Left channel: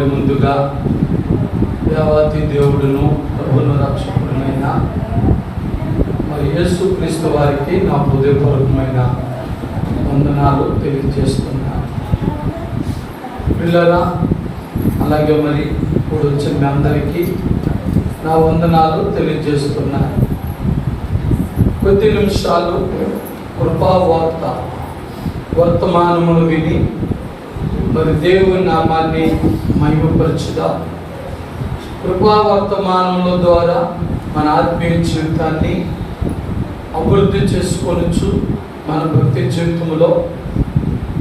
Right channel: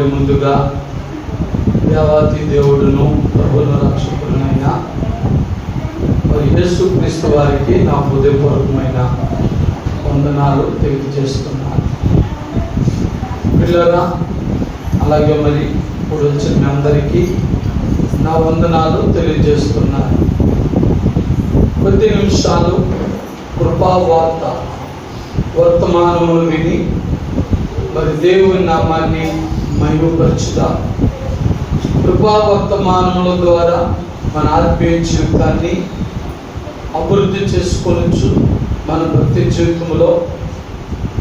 మరి ముందుగా దేవాతి దేవుడును ప్రభువును రక్షకుడైన మరి యేసుక్రీస్తు వారికి నా హృదయపూర్వకమైన వందనాలు తెలియజేస్తున్నాను. పిల్లరా, అలాగే మరి ఇప్పుడు వచ్చిన మీ అందరికీ నా వందనాలు తెలియజేస్తున్నాను. కొద్ది నిమిషాలు కృపావార్త వర్తమానములు విని మరి దేవుని నామాన్ని మహిమపరచుగా. కృపా వర్తమానముల ద్వారా మన ఆత్మీయ జీవితాన్ని అభివృద్ధి చేసుకోవచ్చు. మన భక్తి జీవితంలో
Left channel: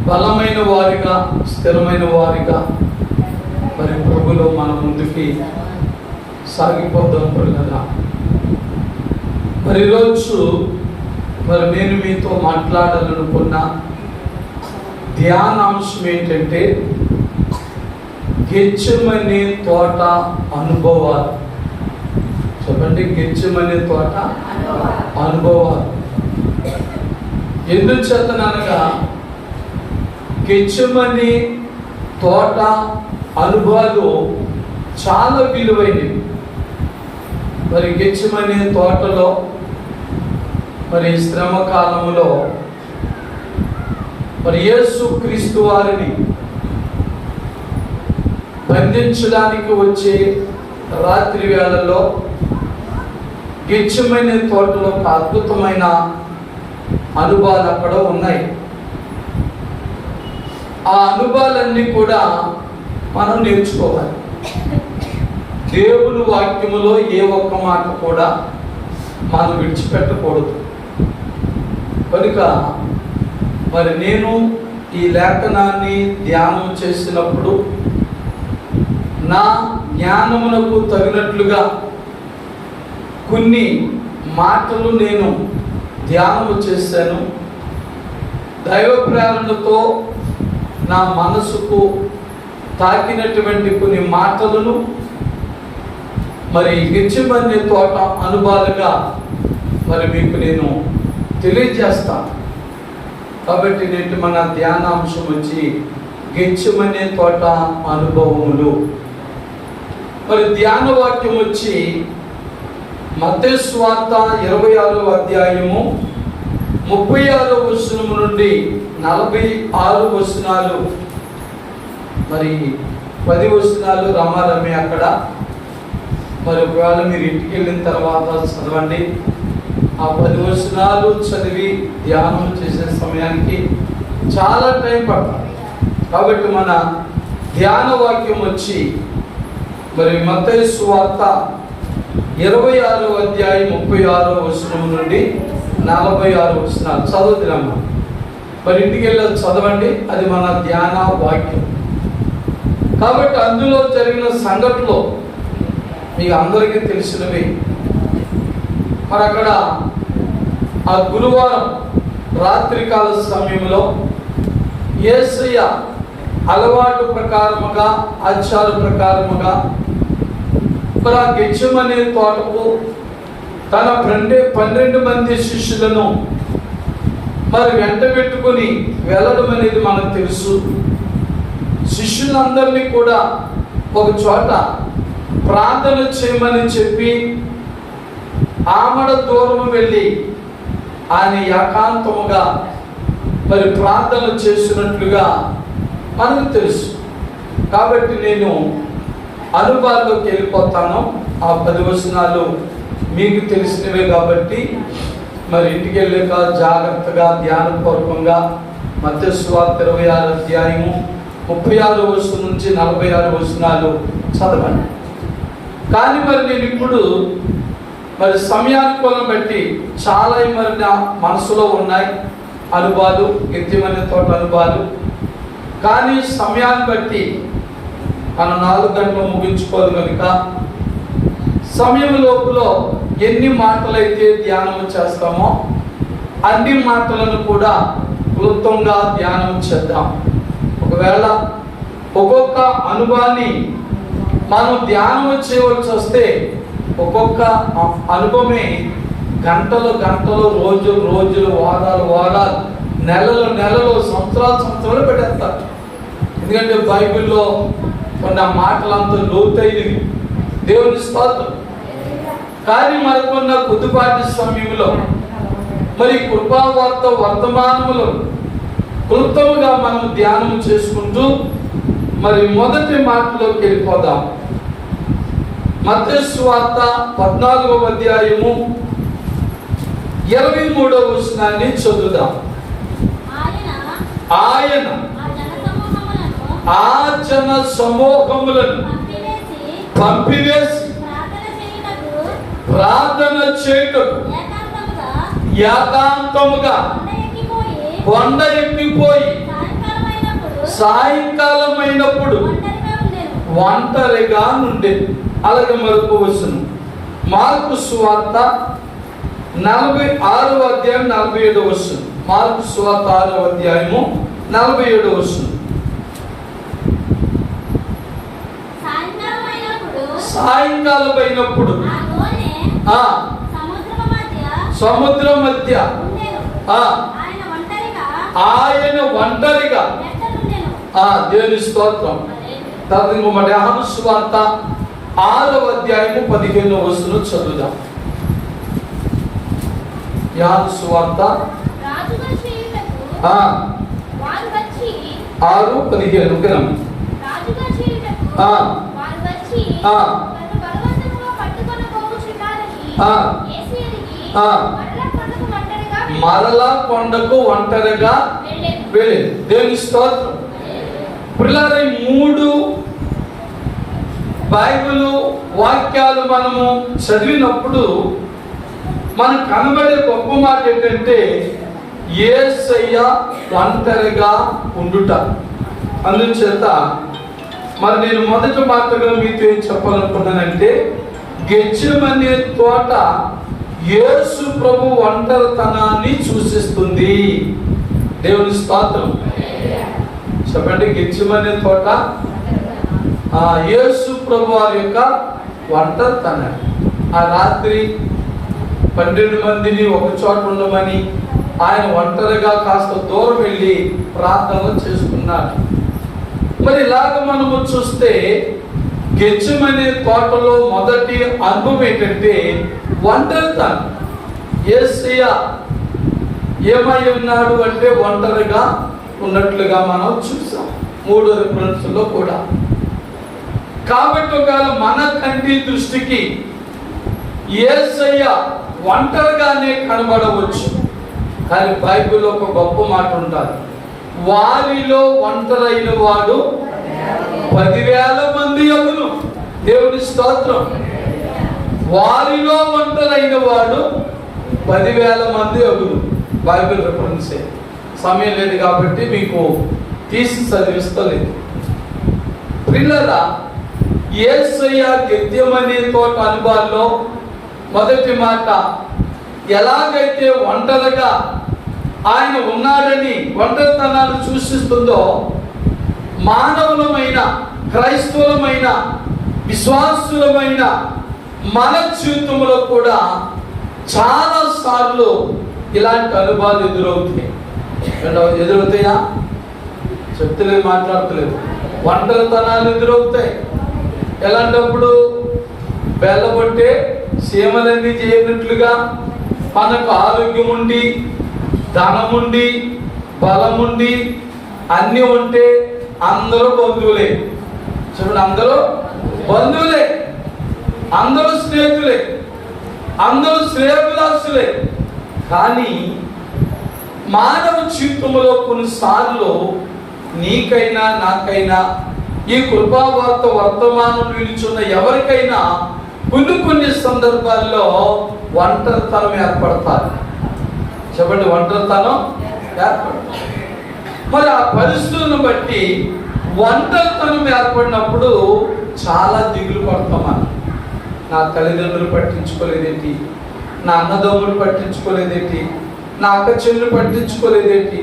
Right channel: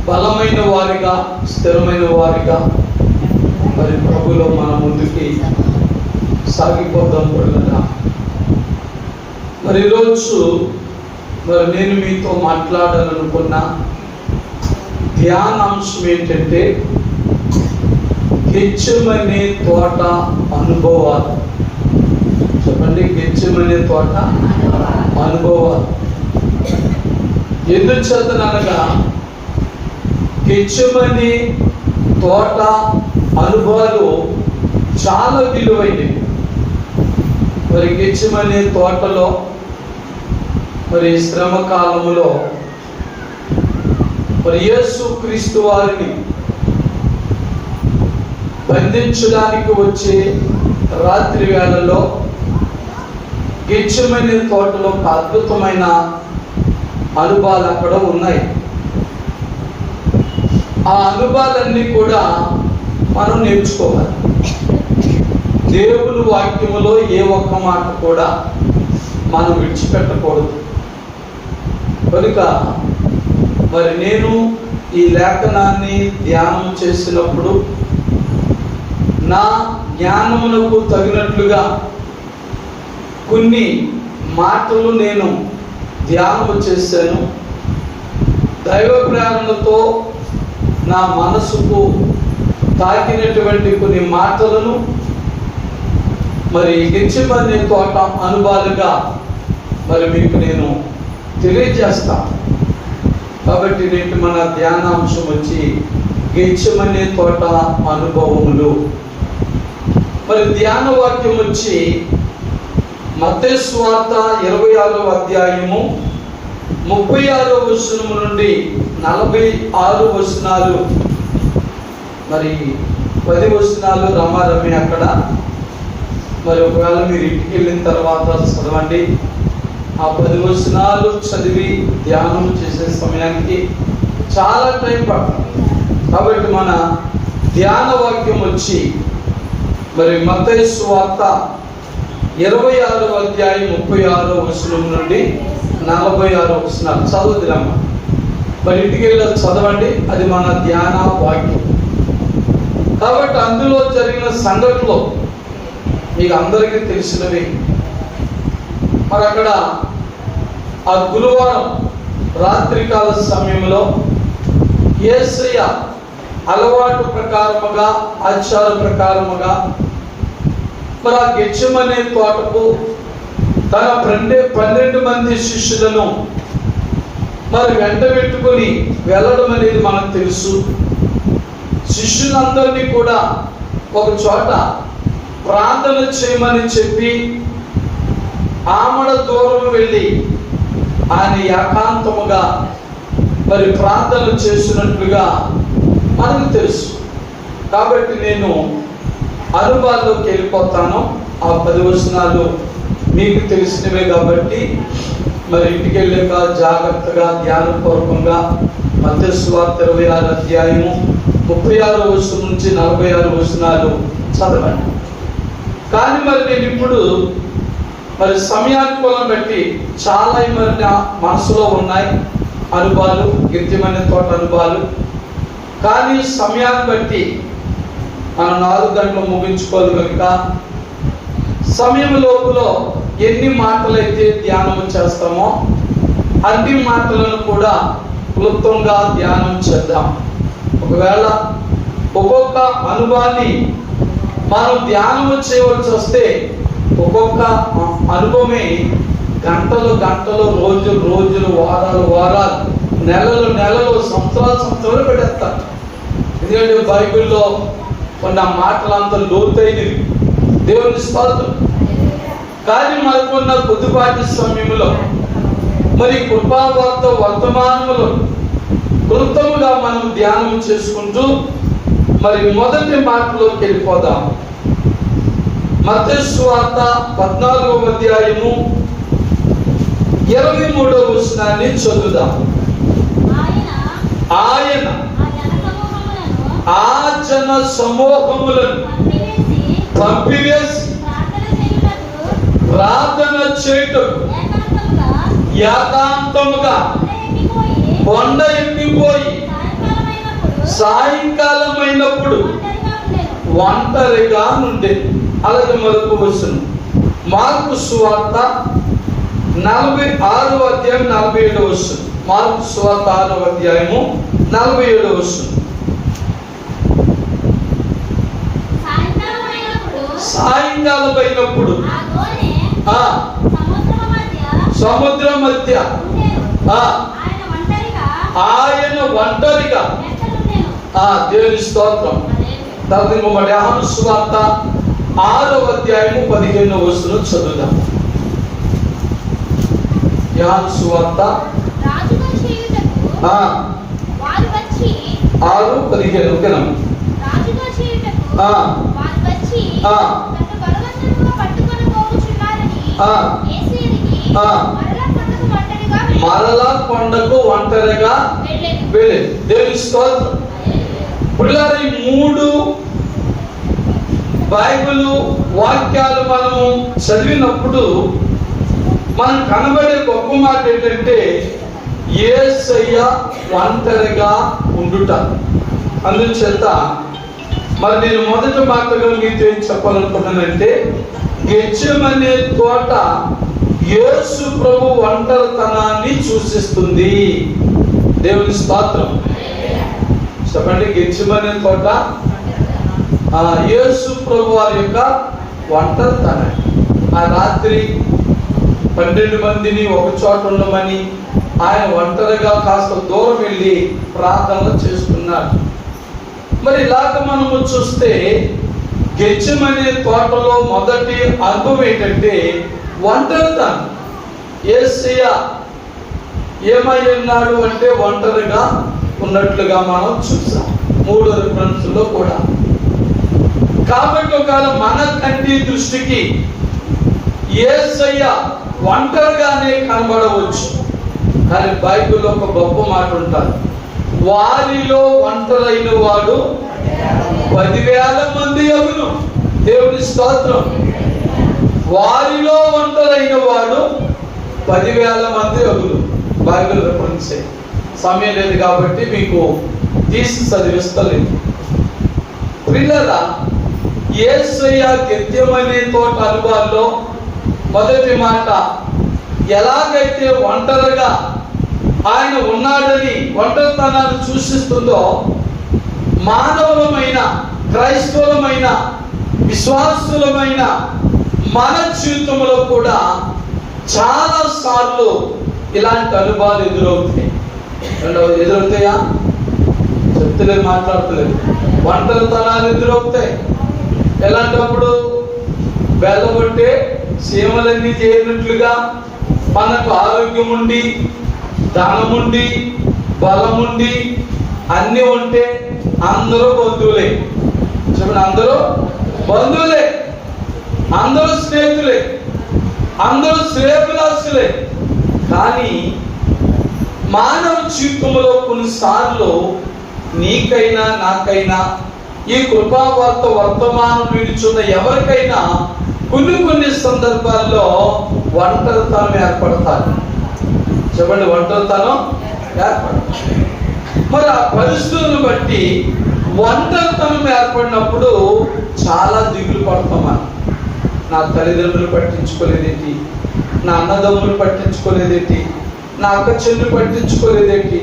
బలమైన వారిగా, స్థిరమైన వారిగా మరి ప్రభువులో మన ముందుకి సాగిపోదాం. పిల్లరా, మరి ఈరోజు మరి నేను మీతో మాట్లాడాలనుకున్న ధ్యానాంశం ఏంటంటే గెత్సేమనే తోట అనుభవాలు. చెప్పండి, గెత్సేమనే తోట అనుభవాలు. ఎందుచేతనగా గెత్సేమనే తోట అనుభవాలు చాలా విలువైనవి. మరి గెత్సేమనే తోటలో మరి శ్రమ కాలములో మరి యేసుక్రీస్తు వారిని బంధించడానికి వచ్చే రాత్రి వేళల్లో గెత్సేమనే తోటలో ఒక అద్భుతమైన అనుభవాలు అక్కడ ఉన్నాయి. ఆ అనుభవాలన్నీ కూడా మనం నేర్చుకోవాలి. దేవుని వాక్యములో ఏ ఒక్క మాట కూడా మనం విడిచిపెట్టకూడదు. కనుక మరి నేను ఈ లేఖనాన్ని ధ్యానం చేసినప్పుడు నా జ్ఞానమునకు తగినట్లుగా కొన్ని మాటలు నేను ధ్యానం చేశాను. దైవ ప్రేరణతో నా మనసుకు తాకినటువంటి కొన్ని మాటలను మరి గెత్సేమనే తోట అనుభవాలుగా మరి మీకు నేను తెలియజేస్తాను. కాబట్టి నేటి మన ధ్యానాంశం వచ్చి గెత్సేమనే తోట అనుభవములు. మరి ధ్యాన వాక్యం వచ్చి మత్తయి సువార్త 26వ అధ్యాయము 36వ వచనము నుండి 46 వచనాలు. మరి 10 వచనాలు రామారమి అక్కడ. మరి ఒకవేళ మీరు ఇంటికి వెళ్ళిన తర్వాత చదవండి. ఆ 10 వచనాలు చదివి ధ్యానం చేసే సమయానికి చాలా టైం పడుతుంది. కాబట్టి మన ధ్యాన వాక్యం వచ్చి మరి మత్తయి సువార్త 26వ అధ్యాయం 36వ వచనం నుండి 46 వచనాలు చదువుతున్నాము. మరి ఇంటికి వెళ్ళి చదవండి. అది మన ధ్యాన వాక్యం. కాబట్టి అందులో జరిగిన సంఘటనలో మీకు అందరికీ తెలిసినవి. మరి అక్కడ ఆ గురువారం రాత్రికాల సమయంలో యేసయ్య అలవాటు ప్రకారముగా, ఆచార ప్రకారముగా ఇక్కడ గెత్సేమనే తోటకు తన 12 మంది శిష్యులను మరి వెంట పెట్టుకొని వెళ్ళడం అనేది మనకు తెలుసు. శిష్యులందరినీ కూడా ఒక చోట ప్రార్థన చేయమని చెప్పి ఆమడ దూరం వెళ్ళి ఆయన ఏకాంతముగా మరి ప్రార్థన చేసినట్లుగా మనకు తెలుసు. కాబట్టి నేను అనుభవాల్లోకి వెళ్ళిపోతాను. ఆ 10 వచనాలు మీకు తెలిసినవే కాబట్టి మరి ఇంటికి వెళ్ళాక జాగ్రత్తగా ధ్యానపూర్వకంగా మత్తయి సువార్త 26వ అధ్యాయము 36వ వచనం నుంచి 46 వచనాలు చదవండి. కానీ మరి నేను ఇప్పుడు మరి సమయానుకూలం బట్టి చాలా మరి నా మనసులో ఉన్నాయి అనుభవాలు, గెత్సేమనే తోట అనుభవాలు. కానీ సమయాన్ని బట్టి మనం 4 గంటలు ముగించుకోవాలి కనుక సమయం లోపల ఎన్ని మాటలైతే ధ్యానం చేస్తామో అన్ని మాటలను కూడా క్లుప్తంగా ధ్యానం చేద్దాం. ఒకవేళ ఒక్కొక్క అనుభవాన్ని మనం ధ్యానం చేయవలసి వస్తే ఒక్కొక్క అనుభవమే గంటలు గంటలు, రోజులు రోజులు, వారాలు వారాలు, నెలలు నెలలు, సంవత్సరాలు సంవత్సరాలు పెట్టేస్తారు. ఎందుకంటే బైబిల్లో కొన్ని ఆ మాటలు అంత లోతైనవి. దేవుని స్తోత్రం. కానీ మనకున్న కొద్దిపాటి సమయంలో మరి కృపావార్త వర్తమానములో క్లుప్తముగా మనం ధ్యానం చేసుకుంటూ మరి మొదటి మాటలోకి వెళ్ళిపోదాం. మత్తయి సువార్త 14వ అధ్యాయము 23వ వచనాన్ని చదువుదాం. ఆయన ఆ జన సమూహములను పంపివేసి ప్రార్థన చేయుటకు ఏకాంతముగా కొండ ఎక్కిపోయి సాయంకాలం అయినప్పుడు ఒంటరిగా ఉండేది. అలాగే మరొక వచనం మార్కు సువార్త 46వ అధ్యాయం 47వ వచనం. మార్కు సువార్త 6వ అధ్యాయము 47వ వచనం. సాయంకాలం అయినప్పుడు సముద్రం మధ్య ఆయన ఒంటరిగా. దేవుని స్తోత్రం. తర్వాత యోహాను సువార్త 6వ అధ్యాయము 15వ వచనం చదువుదాం. యోహాను సువార్త 6:15. మరలా కొండకు ఒంటరిగా వెళ్ళి. దేవుని స్తోత్రం. పిల్లలు 3 బైబిల్ వాక్యాలు మనము చదివినప్పుడు మనకు కనబడే గొప్ప మాట ఏంటంటే యేసయ్య ఒంటరిగా ఉండుట. అందుచేత మరి నేను మొదటి మాటగా మీతో ఏం చెప్పాలనుకున్నానంటే గెత్సేమనే తోట యేసు ప్రభు ఒంటరితనాన్ని సూచిస్తుంది. దేవుని స్తోత్రం. చెప్పండి. గెత్సేమనే తోట యేసు ప్రభు వారి యొక్క ఒంటరితనం. ఆ రాత్రి 12 మందిని ఒక చోట ఉండమని ఆయన ఒంటరిగా కాస్త దూరం వెళ్ళి ప్రార్థన చేసుకున్నాడు. మరి ఇలాగ మనము చూస్తే గెత్సేమనే తోటలో మొదటి అనుభవం ఏంటంటే ఒంటరితనం. యేసయ్య ఏమై ఉన్నాడు అంటే ఒంటరిగా ఉన్నట్లుగా మనం చూసాం 3 రిఫరెన్స్లో కూడా. కాబట్టి ఒకవేళ మన కంటి దృష్టికి యేసయ్య ఒంటరిగానే కనబడవచ్చు. కానీ బైబిల్లో ఒక గొప్ప మాట ఉంటారు. వారిలో ఒంటరైన వాడు 10,000 మంది అగును. దేవుని స్తోత్రం. వారిలో ఒంటరైన వాడు 10,000 మంది అగును. Bible reference. సమయం లేదు కాబట్టి మీకు తీసి చదివిస్తలేదు. పిల్లల యేసయ్య గెత్సేమనే తోట అనుభవాల్లో మొదటి మాట ఎలాగైతే ఒంటరిగా ఆయన ఉన్నాడని ఒంటరితనాన్ని సూచిస్తుందో మానవులమైన క్రైస్తవులమైన విశ్వాసులమైన మన జీవితంలో కూడా చాలా సార్లు ఇలాంటి అనుభవాలు ఎదురవుతాయి. ఎదురవుతాయా? చెప్తలేదు, మాట్లాడతలేదు. ఒంటరితనాలు ఎదురవుతాయి. ఎలాంటప్పుడు బెల్లబొట్టే సీమలన్నీ చేయనట్లుగా మనకు ఆరోగ్యం ఉండి ధనముండి బలముండి అన్నీ ఉంటే అందరూ బంధువులే. చూడండి, అందరూ బంధువులే, అందరూ స్నేహితులే, అందరూ శ్రేయభిలాషులే. కానీ మానవ జీవితంలో కొన్నిసార్లు నీకైనా నాకైనా ఈ కృపావార్త వర్తమానం విలుచున్న ఎవరికైనా కొన్ని సందర్భాల్లో ఒంటరితనం ఏర్పడతారు. చెప్పండి, ఒంటరితనం ఏర్పడతారు. మరి ఆ పరిస్థితులను బట్టి ఒంటరితనం ఏర్పడినప్పుడు చాలా దిగులు పడతాం. నా తల్లిదండ్రులు పట్టించుకోలేదేంటి, నా అన్నదమ్ములు పట్టించుకోలేదేంటి, నా అక్క చెల్లులు పట్టించుకోలేదేంటి,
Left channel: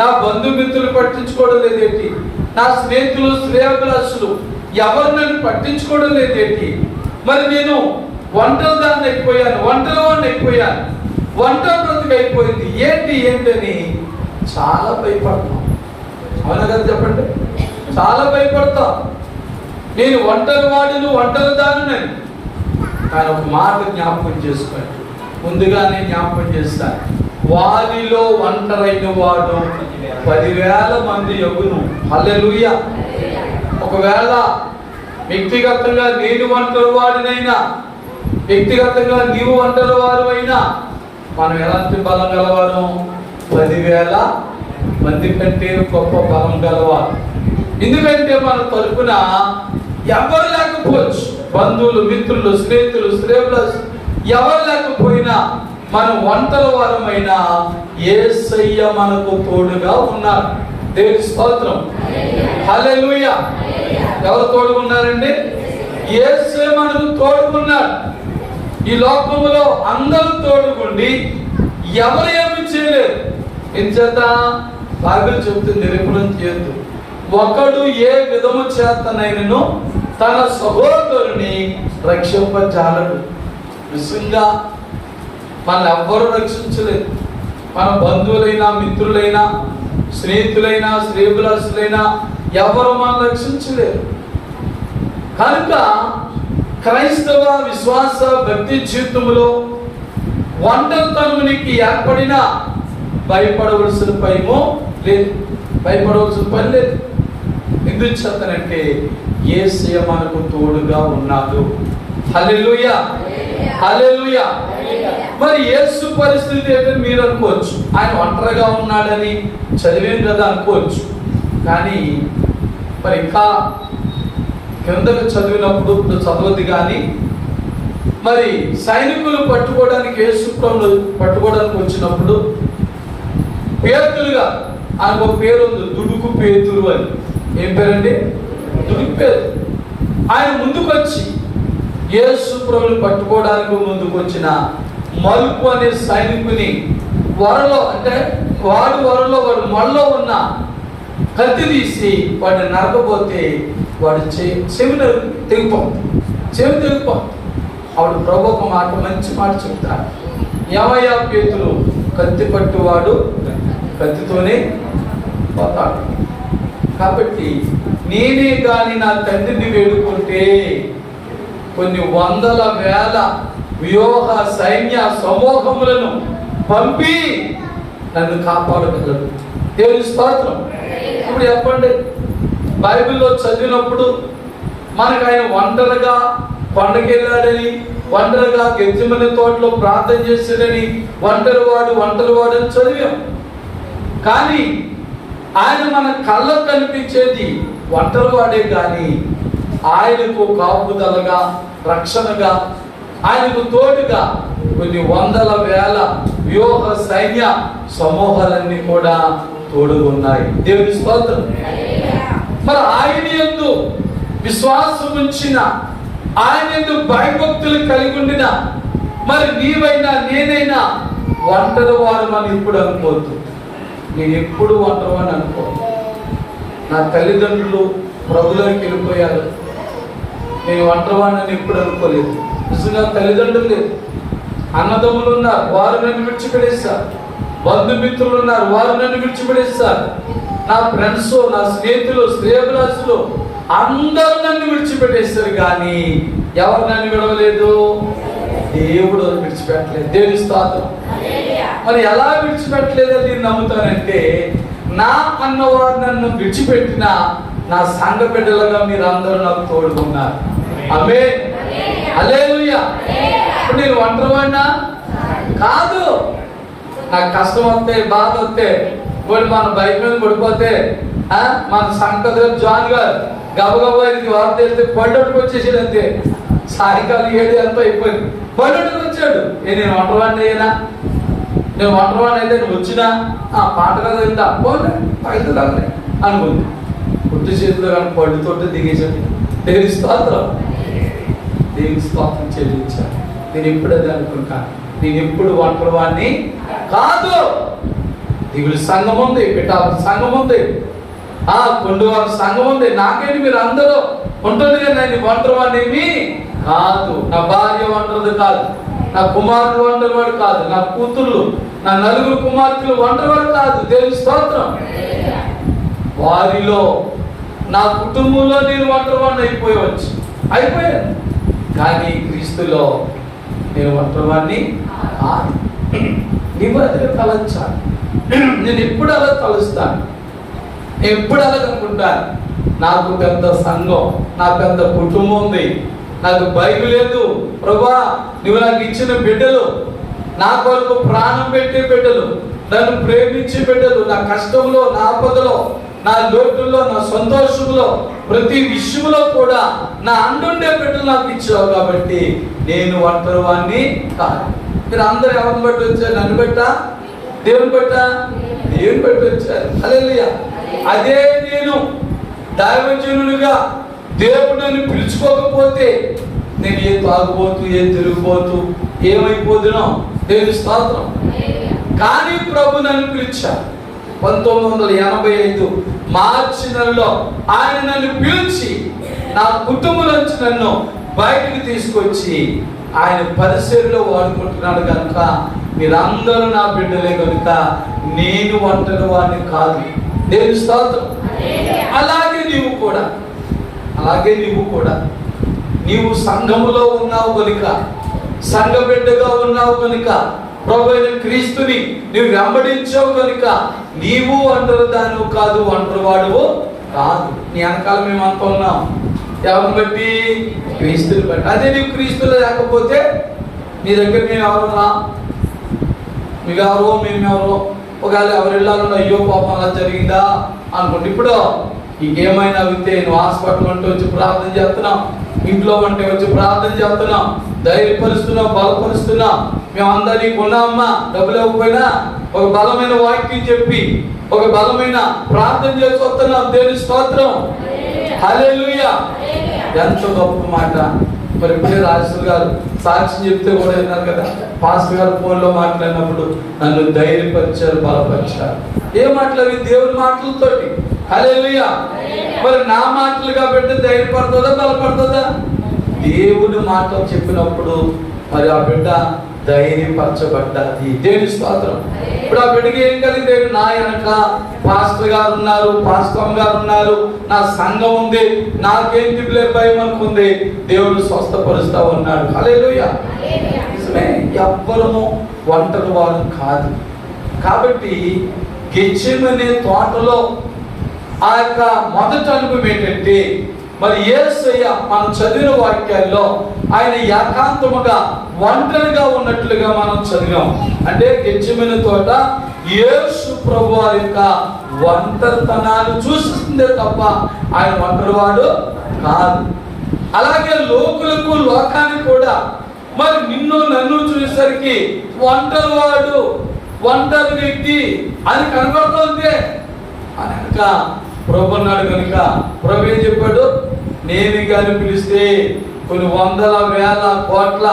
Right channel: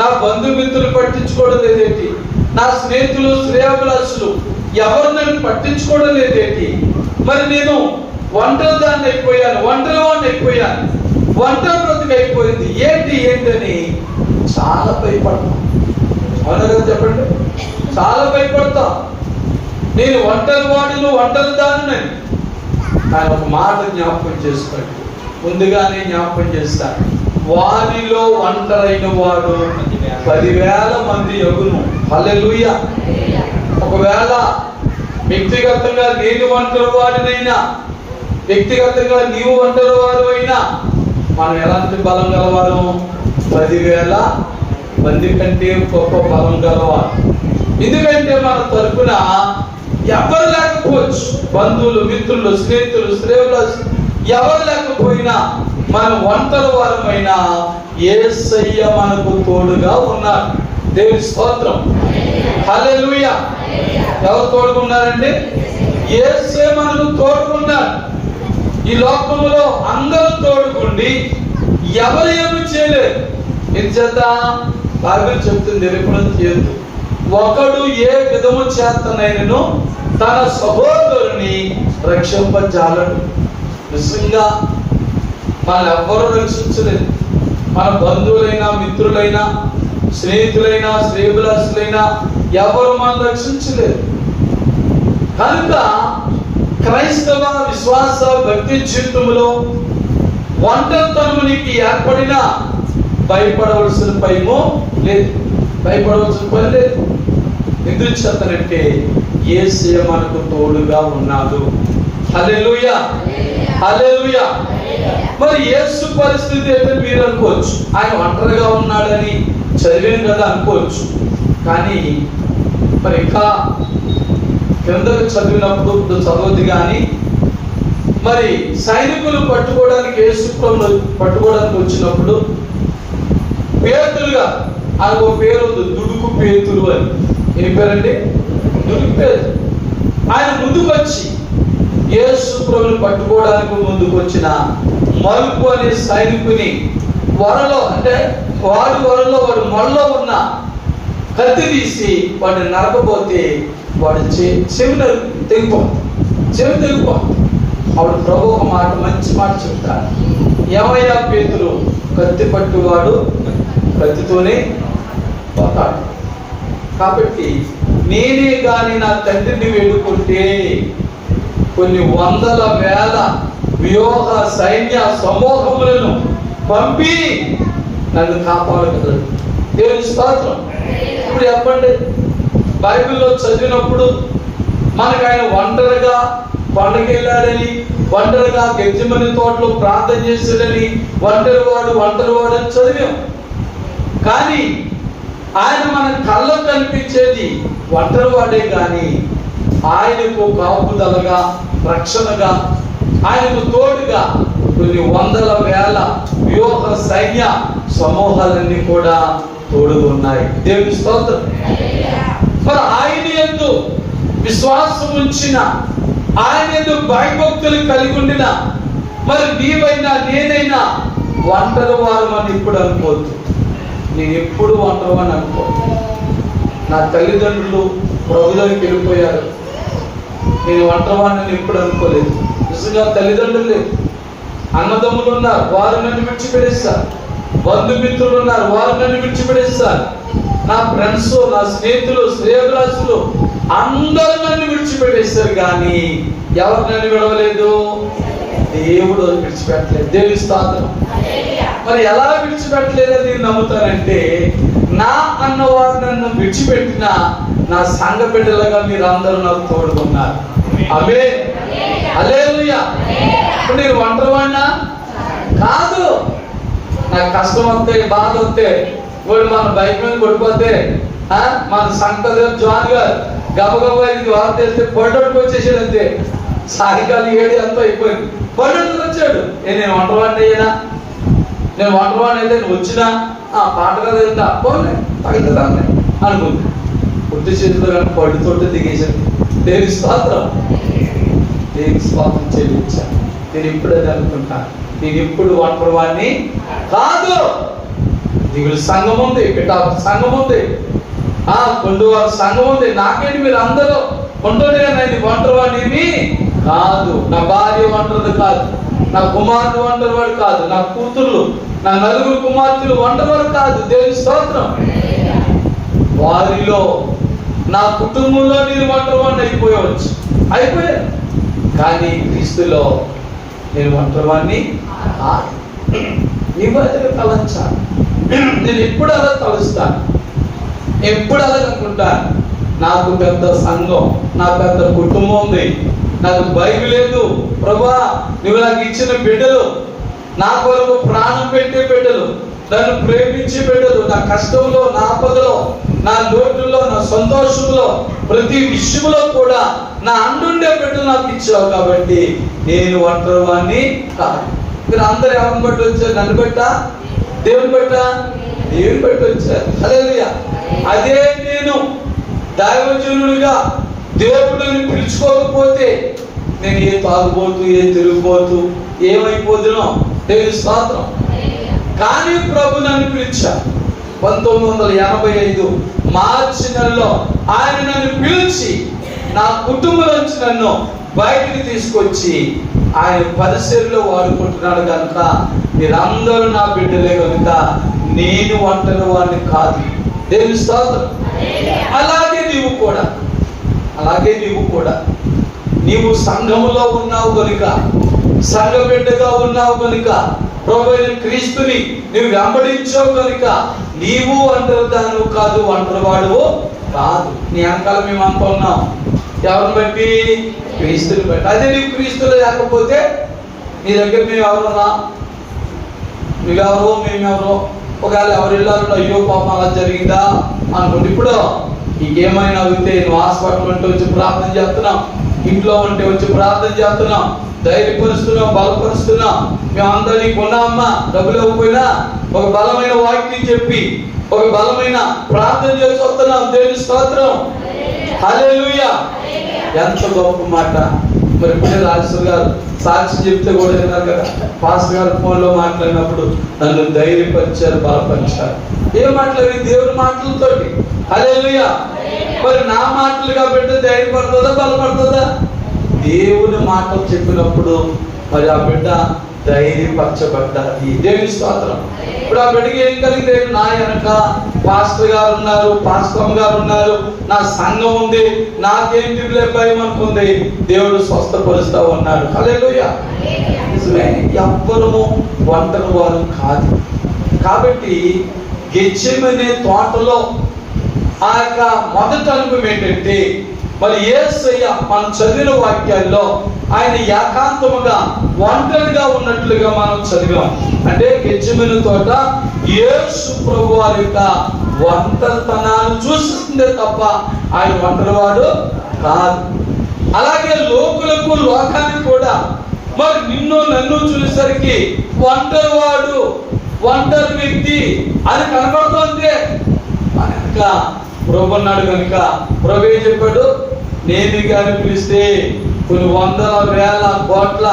నా బంధుమిత్రులు పట్టించుకోవడం లేదేంటి, నా స్నేహితులు శ్రేయాభిలాషులు ఎవరు నన్ను పట్టించుకోవడం లేదేంటి, మరి నేను ఒంటరిదాన్ని అయిపోయాను, ఒంటరివాడిని అయిపోయాను, ఒంటరి బ్రతుకు అయిపోయింది, ఏంటని చాలా భయపడతాం. అవునా కదా? చెప్పండి, చాలా భయపడతాం. నేను ఒంటరి వాడిని, ఒంటరి దాన్ని. కానీ ఒక మాట జ్ఞాపకం చేసుకోండి, ముందుగానే జ్ఞాపకం చేస్తాను. వారిలో ఒంటరైన వాడు 10,000 మంది యొగును. హల్లెలూయా. ఒకవేళ వ్యక్తిగతంగా నేను ఒంటరి వాడినైనా, వ్యక్తిగతంగా నీవు ఒంటరి వారు అయినా, మనం ఎలాంటి బలం గలవారు? 10,000 మంది కంటే గొప్ప బలం గలవారు. ఎందుకంటే మన తరపున ఎవరు లేకపోవచ్చు, బంధువులు, మిత్రులు, స్నేహితులు, శ్రేయులు ఎవరు లేకపోయినా, మనం ఒంటరి వారమైనా యేసయ్య మనకు తోడుగా ఉన్నారు. దేవుని స్తోత్రం. హల్లెలూయా. ఎవరు తోడుగా ఉన్నారండి? యేసయ్య మనకు తోడుకున్నారు. ఈ లోకములో అందరూ తోడుకుండి ఎవరు ఏమి చేయలేరు. ఎంచేత బైబిల్ చెప్తుంది, విఫలం చేయదు. ఒకడు ఏ విధము చేతనైనను తన సహోదరుని రక్షింపజాలడు. నిజంగా మన ఎవ్వరూ రక్షించలేదు. మన బంధువులైనా, మిత్రులైనా, స్నేహితులైనా, శ్రేయభిలాషులైనా ఎవరు మనం రక్షించలేదు. కనుక క్రైస్తవ విశ్వాస భక్తి జీవితంలో ఒంటరితనమునికి ఏర్పడిన భయపడవలసిన భయమో లేదు, భయపడవలసిన పని లేదు. ఎందుకు చెప్తానంటే యేసయ్య మనకు తోడుగా ఉన్నాడు. హల్లెలూయా, హల్లెలూయా. మరి యేసు పరిస్థితి అయితే మీరు అనుకోవచ్చు, ఆయన ఒంటరిగా ఉన్నాడని చదివాను కదా అనుకోవచ్చు. కానీ మరి ఇంకా కిందకు చదివినప్పుడు, ఇప్పుడు చదవద్దు కానీ, మరి సైనికులు పట్టుకోవడానికి, యేసు ప్రభువును పట్టుకోవడానికి వచ్చినప్పుడు పేతులుగా ఆయనకు ఒక పేరు ఉంది, దుడుకు పేతులు అని. ఏం పేరండి? దుడుకు పేతులు. ఆయన ముందుకు వచ్చి యేసు ప్రభువును పట్టుకోవడానికి ముందుకు వచ్చిన మలుపు అనే సైనికుని వరలో, అంటే వాడు వరలో, వాడు మొల్లో ఉన్న కత్తి తీసి వాడిని నరకపోతే వాడు చెవి తెగిపో. అప్పుడు ప్రభు ఒక మాట, మంచి మాట చెప్తారు. ఏమయ్యా పేతులు, కత్తి పట్టువాడు కత్తితోనే పోతాడు. కాబట్టి నేనే గాని నా తండ్రిని వేడుకుంటే కొన్ని వందల వేల వ్యూహ సైన్య సమూహములను పంపి నన్ను కాపాడగలడు. దేవుని స్తోత్రం. ఇప్పుడు చెప్పండి, బైబిల్లో చదివినప్పుడు మనకు ఆయన ఒంటరిగా కొండకి వెళ్ళాడని, ఒంటరిగా గెత్సెమనే తోటలో ప్రార్థన చేశాడని, ఒంటరివాడు అని చదివాం. కానీ ఆయన మన కళ్ళకు కనిపించేది ఒంటరివాడే కానీ ఆయనకు కాపుదలగా, రక్షణగా, ఆయనకు తోడుగా కొన్ని వందల వేల వ్యూహ సైన్య సమూహాలన్నీ కూడా తోడుగా ఉన్నాయి. దేవుని స్తోత్రం. మరి ఆయన యందు విశ్వాసం ఉంచిన, ఆయన యందు భయభక్తులు కలిగి ఉండిన మరి నీవైనా నేనైనా ఒంటరి వారమని ఇప్పుడు అనుకోవద్దు. నేను ఎప్పుడు ఒంటరివాడిని అనుకో. నా తల్లిదండ్రులు ప్రభువులోకి వెళ్ళిపోయారు, నేను ఒంటరివాడిని ఎప్పుడు అనుకోలేదు. నిజంగా తల్లిదండ్రులు లేదు, అన్నదమ్ములు ఉన్నారు, వారు నన్ను విడిచిపెడేస్తారు. బంధుమిత్రులు ఉన్నారు, వారు నన్ను విడిచిపెడేస్తారు. నా ఫ్రెండ్స్, నా స్నేహితులు, శ్రేయభిలాషులు అందరూ నన్ను విడిచిపెట్టేస్తారు. కానీ ఎవరు నన్ను విడవలేదు? దేవుడు విడిచిపెట్టలేదు. దేవుని స్తోత్రం. మరి ఎలా విడిచిపెట్టలేదని నేను నమ్ముతానంటే, నా అన్నవారు నన్ను విడిచిపెట్టిన నా సంఘ బిడ్డలుగా మీరు అందరూ నాకు తోడుకున్నారు. ఆమేన్, హల్లెలూయా. ఇప్పుడు నేను ఒంటరివాడినా కాదు. నాకు కష్టం వస్తే, బాధ వస్తే, వాడు మన బైక్ మీద పడిపోతే, మన సంకద జాన్ గారు గబగబా ఇది వార్త వేస్తే పడ్డట్టుకు వచ్చేసాడు. అంతే, సాయంకాలం 7 అంతా అయిపోయింది, పడ్డట్టుకు వచ్చాడు. నేను ఒంటరివాడిని అయ్యానా? నేను ఒంటరివాడిని అయితే నువ్వు వచ్చినా పాట కదా ఏంటా పోలే తగ్గుతుందాన్ని అనుకుంది. బుద్ధి చేతితో కానీ పళ్ళుతోటి దిగేశాడు. దేవుని స్తోత్రం, దేవుని స్తోత్రం చెల్లించాను. నేను ఇప్పుడు అది అనుకుంటాను, నేను ఎప్పుడు ఒంటరివాడిని కాదు. దిగులు సంఘం ఉంది, పిఠాపు సంఘం ఉంది, కొండవారి సంఘం ఉంది. నాకేంటి మీరు అందరూ ఉంటుంది కదా, నేను ఒంటరివాడిని కాదు. నా భార్య ఒంటరిది కాదు, నా కుమారుడు ఒంటరివాడు కాదు, నా కూతురు, నా 4 కుమార్తెలు ఒంటరివాడు కాదు. దేవుని స్తోత్రం. వారిలో నా కుటుంబంలో నేను ఒంటరివాడిని అయిపోయాను. కానీ క్రీస్తులో నేను ఒంటరివాడిని నీవు అదే తలంచాను. నేను ఎప్పుడు అలా తలుస్తాను, ఎప్పుడు అలా అనుకుంటాను. నాకు పెద్ద సంఘం, నా పెద్ద కుటుంబం ఉంది, నాకు బైబిల్ లేదు ప్రభువా, నువ్వు నాకు ఇచ్చిన బిడ్డలు, నా కొరకు ప్రాణం పెట్టే బిడ్డలు, నన్ను ప్రేమించే బిడ్డలు, నా కష్టంలో, నా ఆపదలో, నా లోటుల్లో, నా సంతోషంలో, ప్రతి విషయంలో కూడా నా అండుండే బిడ్డలు నాకు ఇచ్చావు. కాబట్టి నేను ఒంటరివాణ్ణి కాదు. మీరు అందరు ఎవరిని బట్టి వచ్చారు? నన్ను బట్టా, దేవుని బట్టా? దేవుని బట్టి వచ్చారు. హల్లెలూయా. అదే నేను దైవజనుడిగా దేవుడు నన్ను పిలుచుకోకపోతే నేను ఏ తాగుపోతూ, ఏ తిరిగిపోతూ, ఏమైపోతునో దేవుని స్తోత్రం. కానీ ప్రభు నన్ను పిలిచారు. 1985 మార్చి నెలలో ఆయన నన్ను పిలిచి నా కుటుంబం నుంచి నన్ను బయటకు తీసుకొచ్చి ఆయన పరిసరలో వాడుకుంటున్నాడు కనుక మీరందరూ నా బిడ్డలే కనుక నేను ఒంటరి వాడిని కాదు. దేవుని స్తోత్రం. అలాగే నీవు కూడా నీవు సంఘములో ఉన్నావు కనుక, సంఘ బిడ్డగా ఉన్నావు కనుక, ప్రభువైన క్రీస్తుని నువ్వు వెంబడించావు కనుక నీవు ఒంటరి దానివు కాదు, ఒంటరివాడు కాదు. నీ వెనకాల మేము అనుకున్నాం. ఎవరిని బట్టి? క్రీస్తుని బట్టి. అదే నీవు క్రీస్తులు లేకపోతే నీ దగ్గర మేము ఎవరున్నా, మేమెవరో ఒకవేళ ఎవరు వెళ్ళాలో అయ్యో పాపం అలా జరిగిందా అనుకోండి. ఇప్పుడు ఇంకేమైనా అవుతే నువ్వు హాస్పిటల్ ఉంటే వచ్చి ప్రార్థన చేస్తున్నాం, ఇంట్లో ఉంటే వచ్చి ప్రార్థన చేస్తున్నాం, ధైర్యపరుస్తున్నాం, బలపరుస్తున్నాం. మేమందరినీ కొన్నామా, డబ్బులు ఇవ్వకపోయినా ఒక బలమైన వాక్యం చెప్పి ఒక బలమైన ప్రార్థన చేసి వస్తున్నాం. దేవుని స్తోత్రం. హల్లెలూయా. ఎంత గొప్ప మాట. మరి ఇప్పుడే రాజు గారు సాక్షి చెప్తే కూడా విన్నారు కదా, పాస్టర్ గారు ఫోన్లో మాట్లాడినప్పుడు నన్ను ధైర్యపరిచారు, బలపరిచారు. ఏ మాటలు? దేవుని మాటలతోటి. హల్లెలూయా. మరి నా మాటలుగా పెడితే ధైర్యపడుతుందా, బలపడుతుందా? దేవుని మాటలు చెప్పినప్పుడు మరి ఆ బిడ్డ ధైర్యపరచబడ్డది. దేవుని స్తోత్రం. ఇప్పుడు ఆ బిడ్డకి ఏం కలిగితే, నా వెనక పాస్టర్ గారు ఉన్నారు, పాస్టర్ గారు ఉన్నారు, నా సంఘం ఉంది, నాకేం దిగులే భయం అనుకుంది. దేవుడు స్వస్థపరుస్తా ఉన్నాడు. హల్లెలూయా. నిజమే, ఎవ్వరము ఒంటరి వారు కాదు. కాబట్టి గెత్సేమనే తోటలో ఆ యొక్క మొదటి అనుభవం ఏంటంటే, మరి యేసయ్య మనం చదివిన వాక్యాల్లో ఆయన ఏకాంతముగా ఒంటరిగా ఉన్నట్లుగా మనం చదివాం. అంటే గెత్సేమనే తోట యేసు ప్రభు వారి యొక్క ఒంటరితనాన్ని చూస్తుందే తప్ప ఆయన ఒంటరివాడు కాదు. అలాగే లోకానికి కూడా మరి నిన్ను నన్ను చూసేసరికి ఒంటరివాడు, ఒంటరి వ్యక్తి అని కనబడుతుంది. కనుక ప్రభు అన్నాడు కనుక ప్రభు ఏం చెప్పాడు? నేను కానీ పిలిస్తే కొన్ని వందల వేల కోట్ల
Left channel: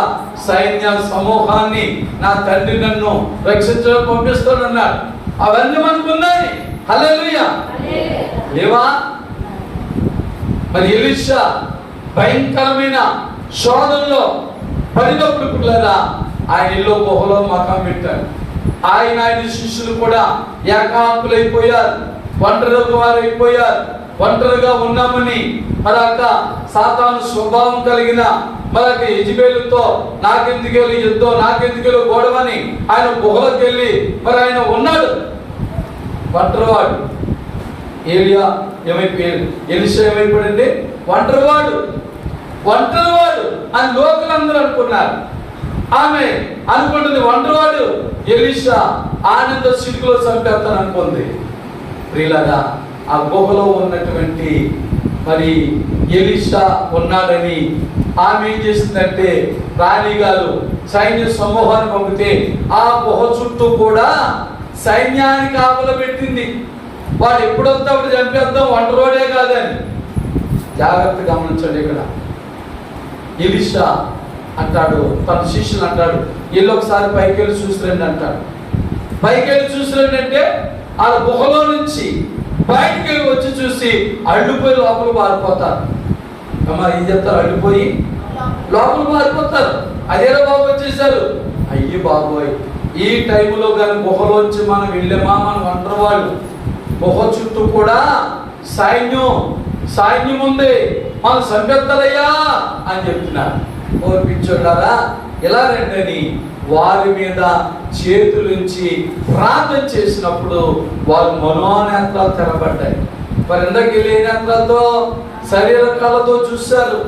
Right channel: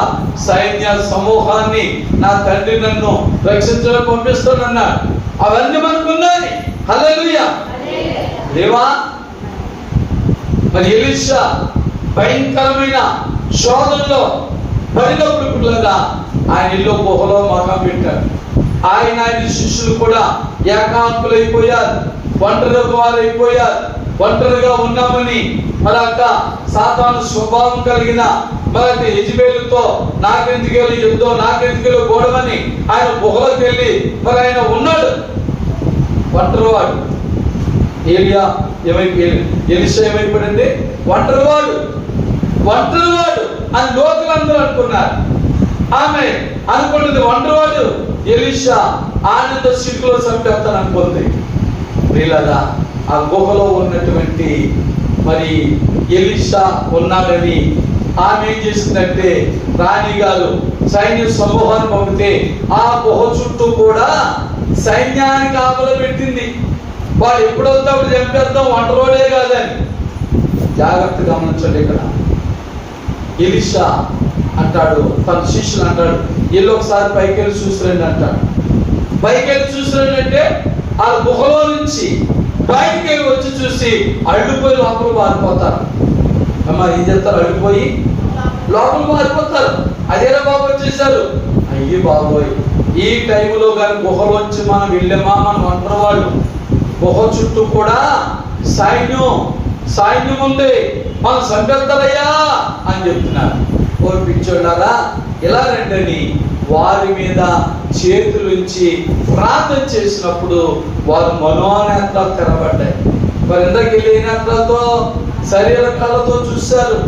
సైన్య సమూహాన్ని నా తండ్రి నన్ను రక్షించడం పంపిస్తాడన్నాడు. అవన్నీ మనకున్నాయి. హల్లెలూయా. లేవా? మరి ఎలీషా భయంకరమైన శోధనలో పడినప్పుడు పిల్లరా ఆయన ఇల్లు గుహలో మకం పెట్టాడు. ఆయన శిష్యులు కూడా ఏకాంతులైపోయారు, ఒంటరిగా ఒంటరిగా ఉన్నామని మరొక సాతాను స్వభావం కలిగిన మరొక యెజబెలుతో నాకెందుకెళ్ళి యుద్ధం, నాకెందుకెళ్ళి గొడవని ఆయన గుహలోకి వెళ్ళి మరి ఆయన ఉన్నాడు ఒంటరివాడు. ఎలీషా ఏమైపోయింది? ఒంటరివాడు అని లోకులందరూ అనుకున్నారు. ఆమె అనుకుంటుంది ఒంటరివాడు. ఎలీషా ఆనంద సిగ్గులో చంపేస్తాను అనుకుంది. ప్రియులారా, ఆ గుహలో ఉన్నటువంటి మరి ఎలీషా ఉన్నాడని ఆమె ఏం చేసిందంటే రాణిగారు సైన్య సమూహాన్ని పంపితే ఆ గుహ చుట్టూ కూడా సైన్యాన్ని కాపలా పెట్టింది. వాడు ఎప్పుడొస్తే అప్పుడు చంపేద్దాం, ఒంటరివాడే కాదని. జాగ్రత్తగా గమనించండి. ఇక్కడ ఎలీషా అంటాడు, తన శిష్యులు అంటాడు, వీళ్ళు ఒకసారి పైకి వెళ్ళి చూసిరండి అంటాడు. పైకి వెళ్ళి చూసిరండి అంటే ఆ గుహలో నుంచి బయటికి వెళ్ళి వచ్చి చూసి అడ్డుపోయి లోపల పారిపోతారు. అమ్మా ఏం చేస్తారు? అడ్డుపోయి లోపల పారిపోతారు. అదేలా బాబు వచ్చేసారు. అయ్యి బాబోయ్, ఈ టైంలో కానీ గుహలోంచి మనం వెళ్ళామా, మనం ఒంటరివాళ్ళు. గుహ చుట్టూ కూడా సైన్యం సైన్యం ఉంది, మనం సంపెత్తలయ్యా అని చెప్తున్నారు. ఓర్పించున్నారా, ఇలా రండని వారి మీద చేతులుంచి ప్రార్థన చేసినప్పుడు వారు మనోనేత్రాలు తెరబడ్డాయి. మరి ఇందాక నేత్రాలతో శరీర కళతో చూశారు,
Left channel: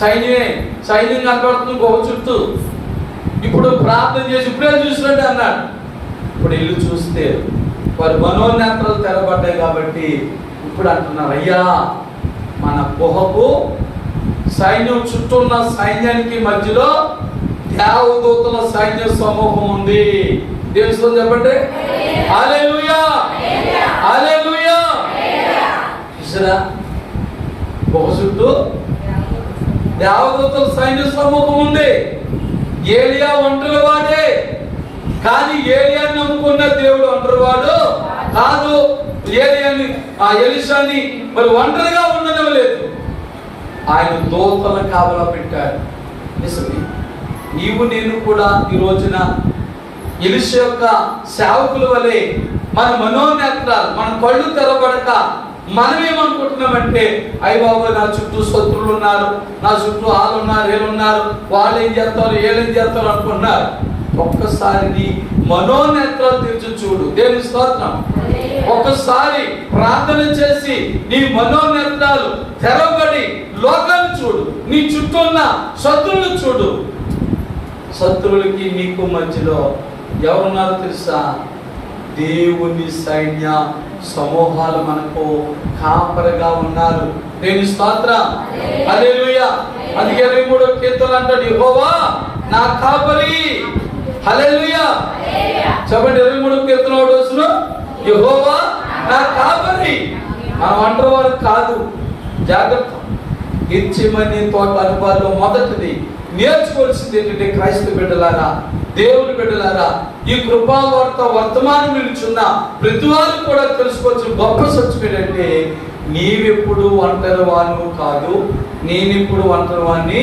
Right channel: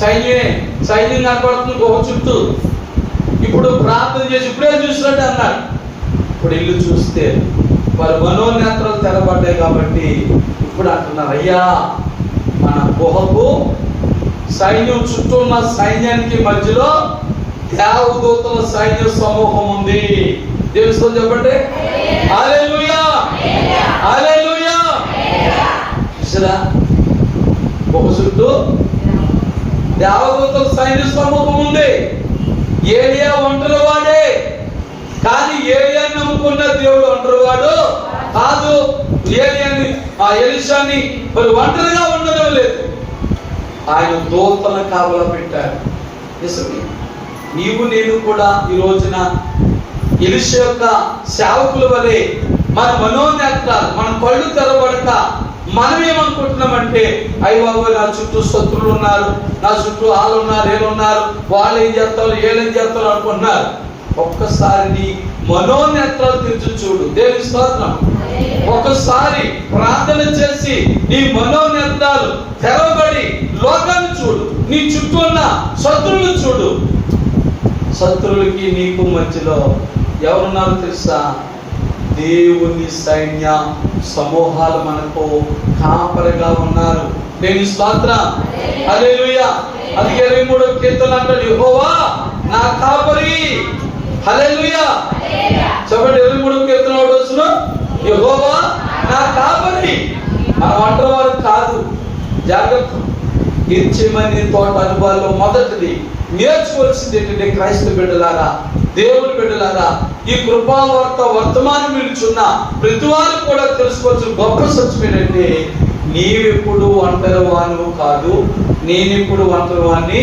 సైన్యం కనపడుతుంది గొప్ప చుట్టూ. ఇప్పుడు ప్రార్థన చేసి ఇప్పుడే చూసినట్టు అన్నాడు. ఇప్పుడు ఇల్లు చూస్తే వారి మనోనేత్రాలు తెరబడ్డాయి. కాబట్టి ఇప్పుడు అంటున్నారు, అయ్యా మన గుహకు సైన్యం చుట్టూ ఉన్న సైన్యానికి మధ్యలో దేవదూతల సైన్య సమూహం ఉంది. తెలుసు చెప్పండి, హల్లెలూయా హల్లెలూయా. చూసారా, గుహ చుట్టూ దేవదూతల సైన్య సమూహం ఉంది. ఏలియా ఒంటరి వాడే, కానీ ఏలియాని నమ్ముకున్న దేవుడు ఒంటరి వాడు కాదు. ఎలీషాని మరి ఒంటరిగా ఉండడం లేదు, ఆయన దూతల కావలా పెట్టాడు. నిజమే, నీవు నేను కూడా ఈ రోజున ఎలీషా యొక్క సేవకుల వలె మన మనోనేత్రాలు, మన కళ్ళు తెరబడక మనం ఏమనుకుంటున్నామంటే, అయ్య బాబు నా చుట్టూ శత్రువులు ఉన్నారు, నా చుట్టూ వాళ్ళు ఉన్నారు, వీళ్ళున్నారు, వాళ్ళు ఏం చేస్తారు, వీళ్ళేం చేస్తారు అనుకుంటున్నారు. ఒక్కసారి నీ మనోనేత్రాలు తెరిచి చూడు. దేవుని స్తోత్రం. ఒకసారి ప్రార్థన చేసి నీ మనోనేత్రాలు తెరవబడి లోకాన్ని చూడు, నీ చుట్టూ ఉన్న శత్రువులు చూడు. శత్రువులకి నీకు మధ్యలో ఎవరున్నారో తెలుసా? దేవుని సైన్య సమూహాలు మనకు కాపరిగా ఉన్నారు. దేవుని స్తోత్రం, హల్లెలూయా. అందుకే 23వ కీర్తన అంటాడు, యెహోవా నా కాపరి. హల్లెలూయా. చెప్పండి, 23వ కీర్తన వస్తున్నా, యెహోవా నా కాపరి. మనం ఒంటరి వారు కాదు. జాగ్రత్త. గెత్సేమనీ తోట అనుభవాల్లో మొదటిది నేర్చుకోవాల్సింది ఏంటంటే, క్రైస్తవ బిడ్డలారా, దేవుని బిడ్డలారా, ఈ కృపావార్త వర్తమానం నిలుచున్న ప్రతి వారు కూడా తెలుసుకోవాల్సిన గొప్ప సత్యం ఏంటంటే, నీవెప్పుడు ఒంటరి వాను కాదు, నేనెప్పుడు ఒంటరి వాణ్ణి